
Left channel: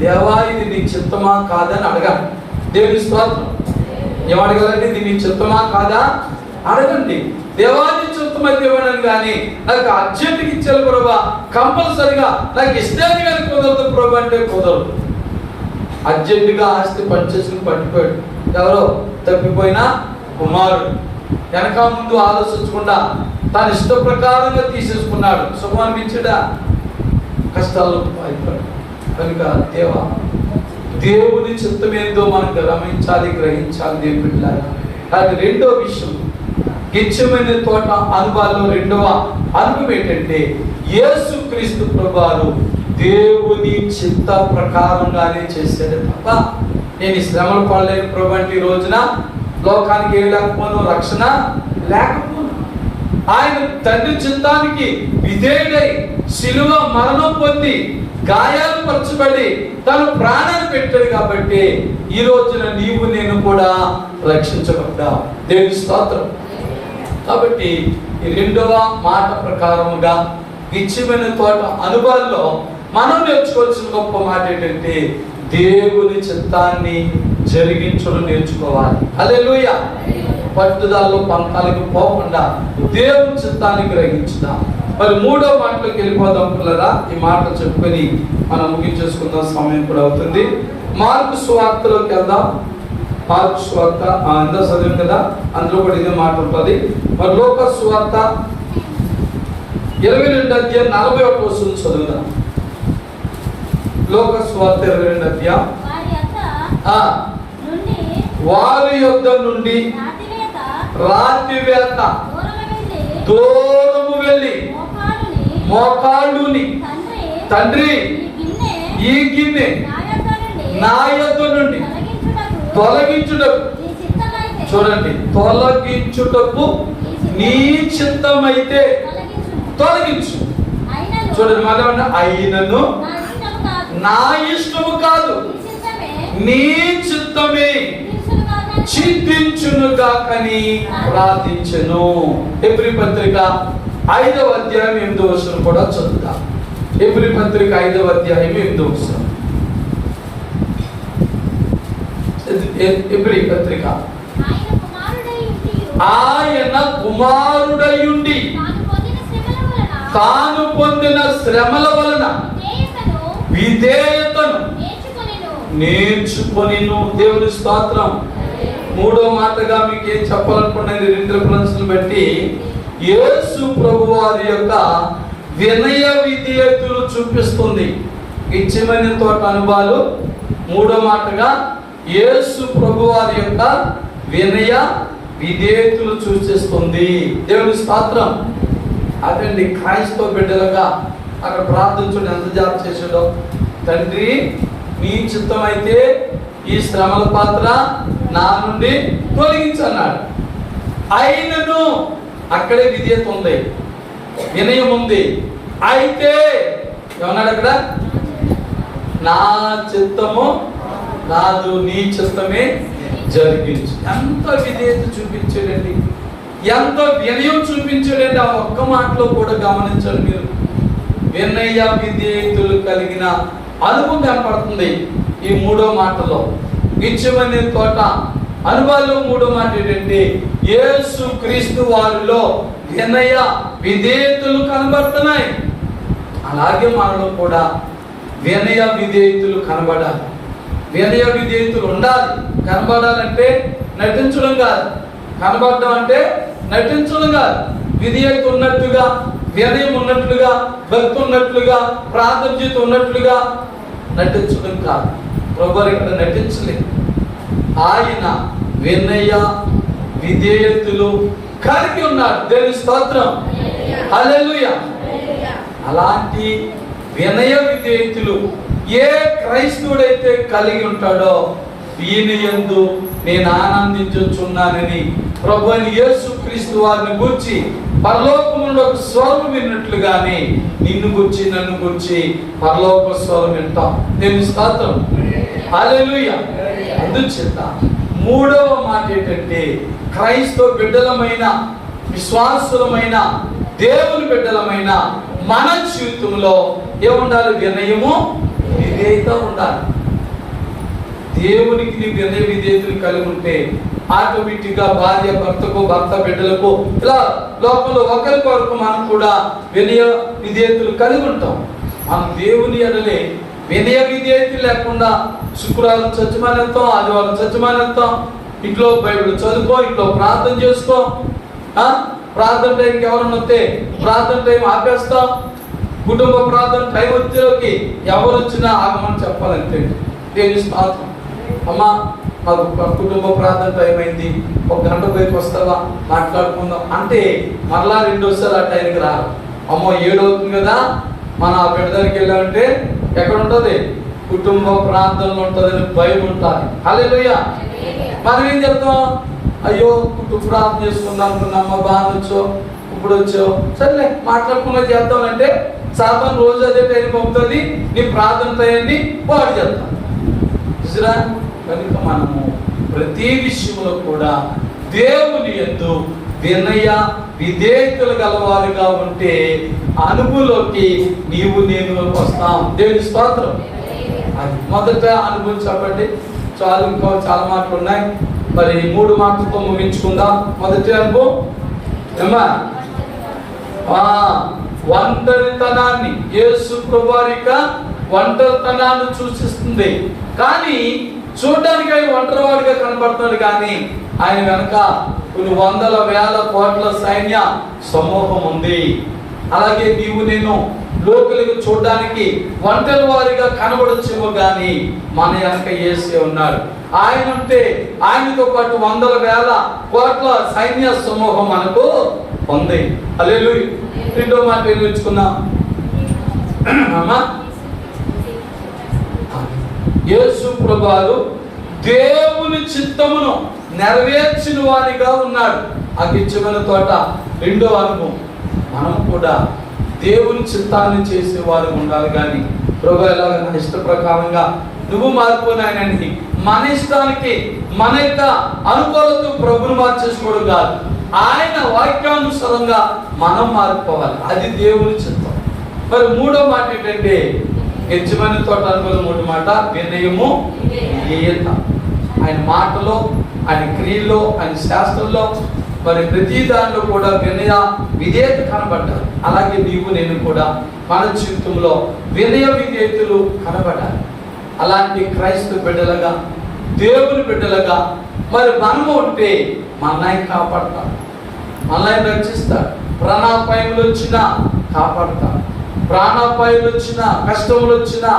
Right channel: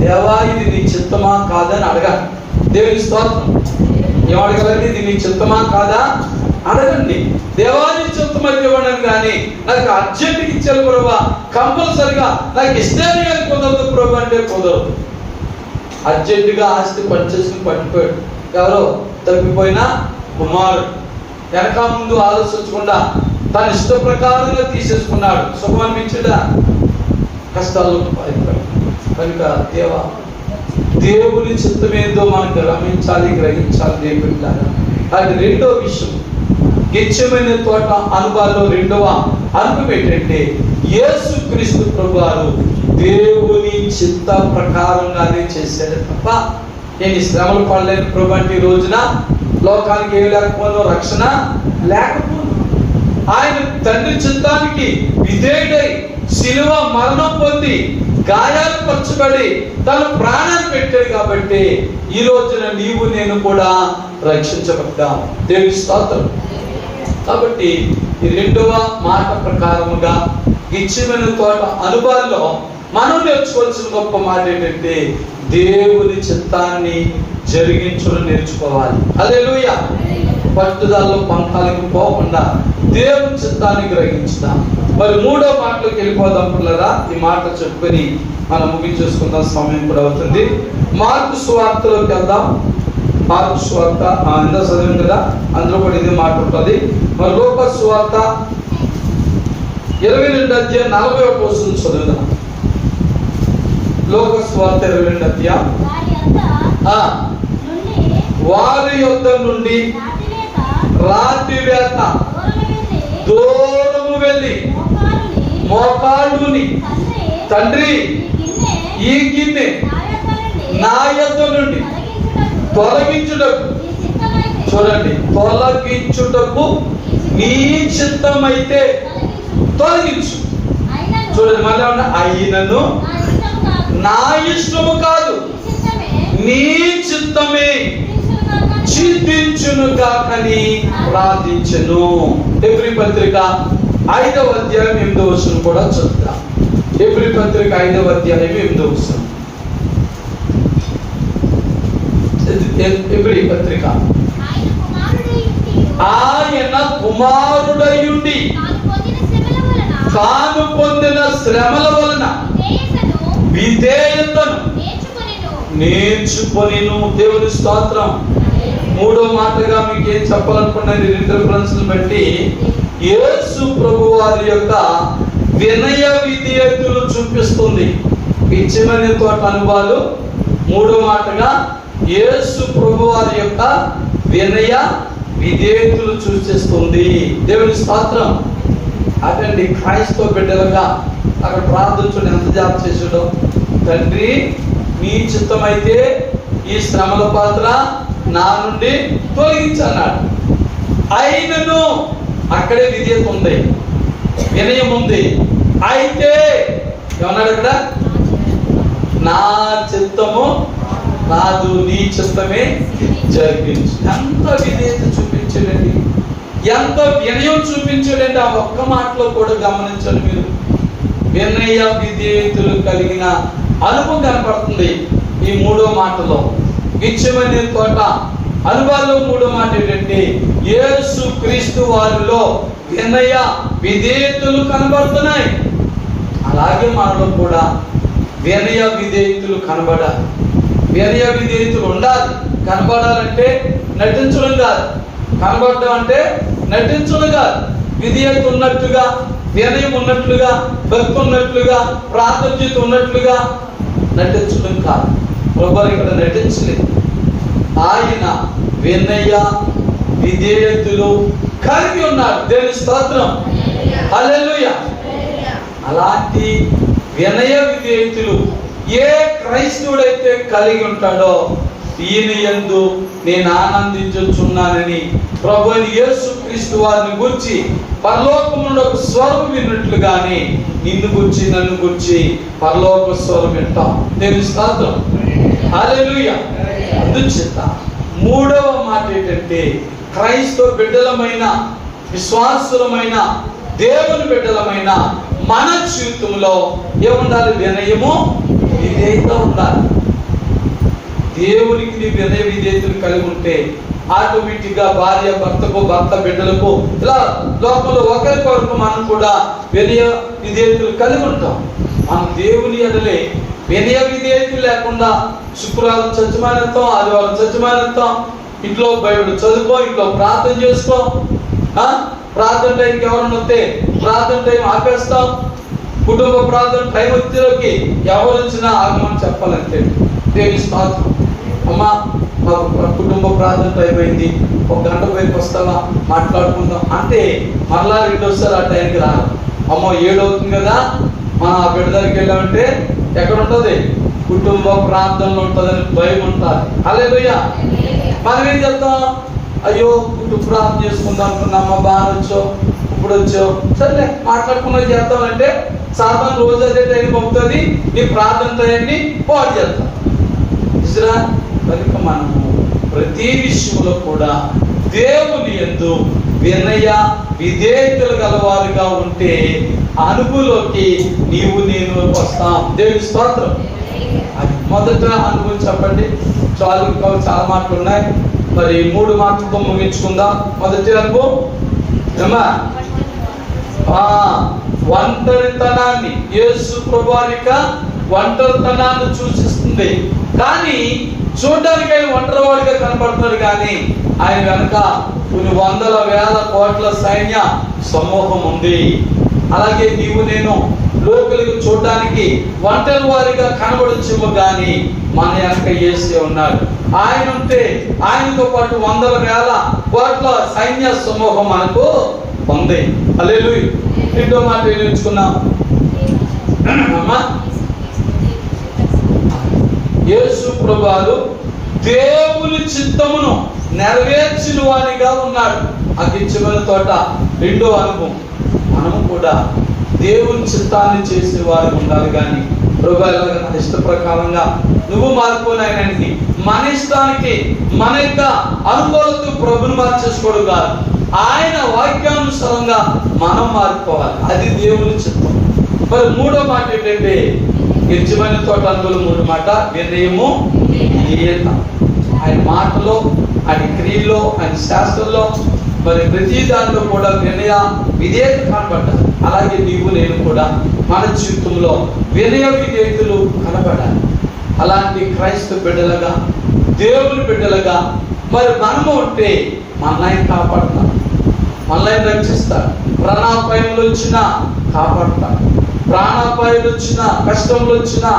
దేవా ఇది నీ చిత్తమా కాదని అడగాలి. దేవుని స్తోత్రం. ఏమడగాలండి? ఇది నీ చిత్తమా కాదా అడగండి. దేవాన్ని చిత్తమైతే ఇవ్వడం కానీ నాకు అర్జెంట్కి ఇచ్చారు ప్రభా, కంపల్సరిగా నాకు ఇష్టం కానీ కుదరదు ప్రభు అంటే కుదరదు. అర్జెంటుగా ఆస్తి పనిచేసుకుని పట్టుకోడు. ఎవరో తప్పిపోయినా కుమారుడు వెనక ముందు ఆలోచించకుండా తన ఇష్ట ప్రకారంగా తీసేసుకున్నాడు. సుఖం అనిపించడా? కష్టాలు కనుక దేవుని చిత్తం ఏందో మనం గమనించాలి, గ్రహించాలి. దేవుడిలా అది రెండో విషయం. గెత్సేమనే తోట అనుభవాల్లో రెండవ అనుభవం ఏంటంటే, యేసు క్రీస్తు ప్రభువారు దేవుని చిత్త ప్రకారంగానే చేశారు తప్ప నేను శ్రమలు పడలేని ప్రభు అంటే ఈ రోజున లోకానికి ఏమి లేకపోతే రక్షణ లేకపోతే ఆయన తండ్రి చిత్తానికి విధేయుడై శిలువ మరణం పొంది గాయాలు పరచబడి తన ప్రాణాన్ని పెట్టాడు. కాబట్టి ఈ రోజున నీవు నేను కూడా రక్షించబడ్డాం. దేవుని స్తోత్రం. కాబట్టి ఈ రెండవ మాట ప్రకారముగా గెత్సేమనే తోట అనుభవాల్లో మనం నేర్చుకోవాల్సిన గొప్ప మాట ఏంటంటే, దేవుని చిత్తాన్ని జరిగించడం నేర్చుకోవాలి. హల్లెలూయా. పట్టుదలలో పంతాలకు పోకుండా దేవుని చిత్తాన్ని గ్రహించుదాం. మరి మూడో మాటలోకి వెళ్ళిపోదాం పిల్లరా. ఈ మాటలు చెప్పుకొని మనం ముగించేసుకుందాం, సమయం కూడా అవుతుంది. మార్కు సువార్తలోకి వెళ్దాం. మార్కు సువార్త అందరూ చదివాం కదా, అందులో కూడా ఇదే మాట ఉంటుంది. మరి లోక సువార్త 22 అధ్యాయం 41 వచనం చదువుదాం. లోక సువార్త 22 అధ్యాయం. వారి యొద్ద నుండి రాత్రివేళ దూరము వెళ్ళి మోకాళ్ళుని, తండ్రి ఈ గిన్నె నా యొద్ద నుండి తొలగించుటకు, చూడండి, తొలగించుటకు నీ చిత్తమైతే తొలగించు. చూడండి, మళ్ళీ అయినను నా ఇష్టము కాదు నీ చిత్తమే చింతించునుగాకని ప్రార్థించెను. హెబ్రీ పత్రిక 5వ అధ్యాయం 8వ వచనం కూడా చదువుతాం. హెబ్రీ పత్రిక 5వ అధ్యాయం 8వ వచనం. హెబ్రీ పత్రిక. ఆయన కుమారుడయుండి తాను పొందిన శ్రమల వలన విధేయతను నేర్చుకొనిను. దేవుని స్తోత్రం. మూడో మాటగా మీకు ఏం చెప్పాలనుకున్నాను, రెండు రిఫరెన్స్లను బట్టి యేసు ప్రభు వారి యొక్క వినయ విధేయతలు చూపిస్తుంది. గెత్సేమనే తోట అనుభవాలు మూడో మాటగా యేసు ప్రభు వారి యొక్క వినయ విధేయతలు సూచిస్తుంది. దేవుని స్తోత్రం. అదండి క్రైస్తవ బిడ్డలుగా అక్కడ ప్రార్థించడం ఎంత జాబ్ చేసాడో, తండ్రి నీ చిత్తం అయితే ఈ శ్రమల పాత్ర నా నుండి తొలగించన్నాడు. అయినను అక్కడే విధేయత ఉంది, వినయం ఉంది. అయితే ఏమన్నాడు అక్కడ? నా చిత్తము కాదు నీ చిత్తమే జరిగించు. ఎంత విధేయత చూపించాడండి, ఎంత వినయం చూపించాడండి. ఆ ఒక్క మాటలో కూడా గమనించండి మీరు. వినయ విధేయతలు కలిగిన అనుభవం కనపడుతుంది ఈ మూడో మాటలో. గెత్సేమనే తోట అనుభవాల్లో మూడో మాట ఏంటంటే, యేసు క్రీస్తు వారిలో వినయ విధేయతలు కనబడుతున్నాయి. అలాగే మనలో కూడా వినయ విధేయతలు కనబడాలి. వినయ విధేయతలు ఉండాలి. కనబడాలంటే నటించడం కాదు, కనబడడం అంటే నటించడం కాదు. విధేయత ఉన్నట్టుగా, వినయం ఉన్నట్లుగా, భక్తి ఉన్నట్లుగా, ప్రార్థన ఉన్నట్లుగా నటించడం కాదు. ప్రభువు ఇక్కడ నటించలేదు. ఆయన వినయ విధేయతలు కలిగి ఉన్నాడు. దేవుని స్తోత్రం, హల్లెలూయా. అలాంటి వినయ విధేయతలు ఏ క్రైస్తవుడైతే కలిగి ఉంటాడో ఈయన యందు నేను ఆనందించుచున్నానని ప్రభువైన యేసుక్రీస్తు వారిని గురించి పరలోకములో ఒక స్వరం విన్నట్లుగానే నిన్ను గురించి నన్ను గురించి పరలోక స్వరం వింటాం. దేవుని స్తోత్రం, హల్లెలూయా. అందుచేత మూడవ మాట ఏంటంటే క్రైస్తవ బిడ్డలమైన, విశ్వాసులమైన, దేవుని బిడ్డలమైన మన జీవితంలో ఏముండాలి? వినయము విధేయత ఉండాలి. దేవునికి నీ వినయ విధేయతలు కలిగి ఉంటే ఆటోమేటిక్గా భార్య భర్తకు, భర్త బిడ్డలకు, ఇలా లోపల ఒకరికొరకు మనం కూడా వినయ విధేయతలు కలిగి ఉంటాం. మనం దేవుని ఎడలే వినయ విధేయతలు లేకుండా శుక్రవారం చచ్చిమానంతాం, ఆదివారం చచ్చిమానంతాం, ఇంట్లో బైబిల్ చదువుకో, ఇంట్లో ప్రార్థన చేసుకో, ప్రార్థన టైంకి ఎవరన్నా వస్తే ప్రార్థన టైం ఆపేస్తాం, కుటుంబ ప్రార్థన టైం వచ్చేలోకి ఎవరు వచ్చినా ఆగమని చెప్పాలంటే దేవుని స్తోత్రం. అమ్మా మాకు కుటుంబ ప్రార్థన టైం అయింది, ఒక గంట వైపు వస్తావా మాట్లాడుకుందాం అంటే మరలా రెండోసారి ఆ టైంకి రా. అమ్మో 7 అవుతుంది కదా, మనం ఆ బిడ్డ దగ్గరికి వెళ్ళామంటే ఎక్కడ ఉంటుంది? కుటుంబ ప్రార్థనలు ఉంటుందని భయం ఉంటుంది. హల్లెలూయా. మనం ఏం చెప్తాం? అయ్యో కుటుంబ ప్రార్థన చేసుకుందాం అనుకున్నామ్మా, బాగా వచ్చావు, ఇప్పుడు వచ్చావు, సర్లే మాట్లాడుకున్నది చేద్దామంటే సాధారణ రోజు అదే టైం పంపుతుంది, నీ ప్రార్థన టైంని పాడు చేద్దాం. చూసిరా, కనుక మనము ప్రతి విషయంలో కూడా దేవుని యందు వినయ విధేయతలు గలవారుగా ఉంటే అనుభవంలోకి నీవు నేను వస్తాం. దేవుని స్తోత్రం. అది మొదట అనుభవం చెప్పండి. చాలా మాటలు ఉన్నాయి, మరి 3 మాటలతో ముగించుకుందాం. మొదటి అనుభవం ఒంటరితనాన్ని, యేసు ప్రభువారిక ఒంటరితనాన్ని సూచిస్తుంది. కానీ చూడడానికి ఆయన ఒంటరివాడిగా కనపడుతున్నాడు, కానీ ఆయన వెనక కొన్ని వందల వేల కోట్ల సైన్య సమూహం ఉంది. అలాగే నీవు నేను లోకలకు చూడడానికి ఒంటరి వారిగా కనబడచ్చేమో, కానీ మన వెనక యేసే ఉన్నాడు. ఆయన ఉంటే ఆయనతో పాటు వందల వేల కోట్ల సైన్య సమూహం మనకు ఉంది. హల్లెలూయా. రెండో మాట ఏం నేర్చుకున్నాం? యేసు ప్రభువు దేవుని చిత్తమును నెరవేర్చిన వానిగా ఉన్నాడు. ఆ గిచ్చమైన తోట రెండో అనుభవం. మనం కూడా దేవుని చిత్తాన్ని చేసే వారు ఉండాలి, కానీ ప్రభు ఎలాగ నా ఇష్ట ప్రకారంగా నువ్వు మారిపోయినాయని మన ఇష్టానికి, మన యొక్క అనుకూలతకు ప్రభుని మార్చేసుకోవడం కాదు. ఆయన వాక్యానుసారంగా మనం మారిపోవాలి, అది దేవుని చిత్తం. మరి మూడో మాట ఏంటంటే గెచ్చమైన తోట అనుభవం. 3 మాట వినయము విధేయత. ఆయన మాటలో, ఆయన క్రియల్లో, ఆయన శాస్త్రంలో, మరి ప్రతి దాంట్లో కూడా వినయ విధేయత కనబడ్డారు. అలాగే నీవు నేను కూడా మన జీవితంలో వినయ విధేయతలు కనబడాలి. అలాంటి క్రైస్తవ బిడ్డలుగా, దేవుని బిడ్డలుగా మరి మనము ఉంటే మనల్ని కాపాడుతాం, మనల్ని రక్షిస్తాడు. ప్రాణాపాయములు వచ్చినా కాపాడుతాడు, ప్రాణాపాయాలు వచ్చినా, కష్టములు వచ్చినా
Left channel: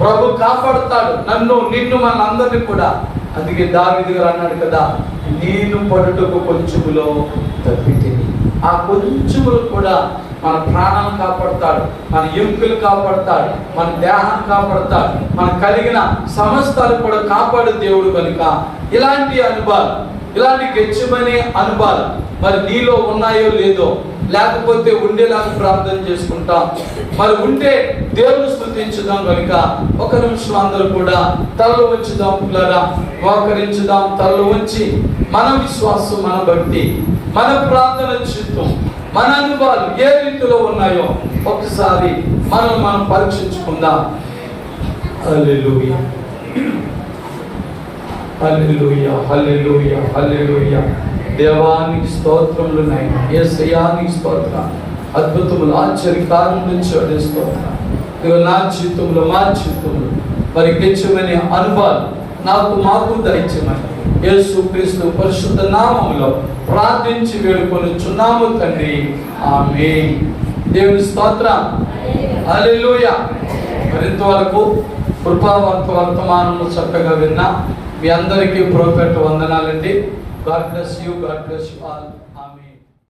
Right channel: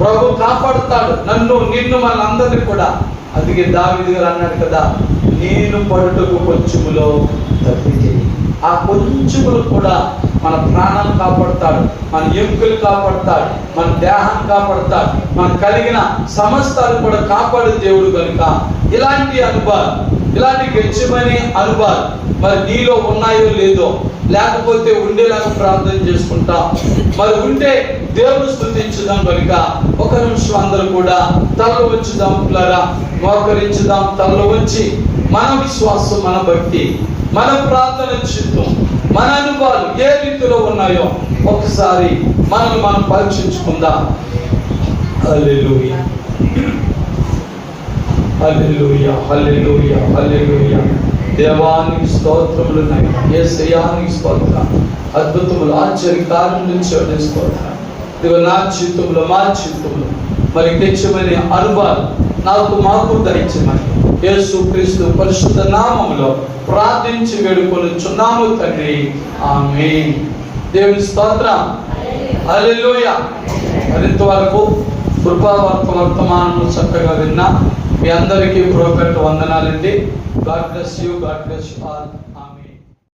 ప్రభు కాపాడుతాడు నన్ను, నిన్ను, మనందరినీ కూడా. అందుకే దావీదు గారు అన్నాడు కదా, నేను పడుటకు కొంచెములో తప్పితిని. ఆ కొంచెములు కూడా మన ప్రాణాన్ని కాపాడుతాడు, మన ఎముకలు కాపాడుతాడు, మన దేహాన్ని కాపాడుతాడు, మన కలిగిన సమస్తాన్ని కూడా కాపాడు దేవుడు. కనుక ఇలాంటి అనుభవాలు, ఇలాంటి గెచ్చమనే అనుభవాలు మరి నీలో ఉన్నాయో లేదో, లేకపోతే ఉండేలాగా ప్రార్థన చేసుకుంటాం. మరి ఉంటే దేవుని స్తుతించుదాం. కనుక ఒక నిమిషం అందరూ కూడా తలలో ఉంచుదాం, పిల్లరా మోకరించుదాం. తలలో ఉంచి మన విశ్వాసం, మన భక్తి, మన ప్రార్థన చిత్తం, మన అనుభవాలు ఏ రీతిలో ఉన్నాయో ఒకసారి మనం పరీక్షించుకుందాం. హల్లెలూయా, హల్లెలూయా, హల్లెలూయా, హల్లెలూయా. దేవానికి స్తోత్రములు ఉన్నాయి, యేసయ్యానికి స్తోత్రం. అద్భుతములు, ఆశ్చర్యకార్యములు చేయడం స్తోత్రం. నా జీవితంలో, మా జీవితంలో మరి తెచ్చమని అనుభవాలు నాకు మాకు దయచేయమని యేసుక్రీస్తు పరిశుద్ధ నామములో ప్రార్థించి వేడుకొనుచున్నాము తండ్రి. ఆమేన్. దేవుని స్తోత్రం. హల్లెలూయా. మరింత వరకు కృపావార్త వర్తమానము చక్కగా విన్నా మీ అందరికీ బ్రోకర్ వందనాలండి. God bless you. God bless you all.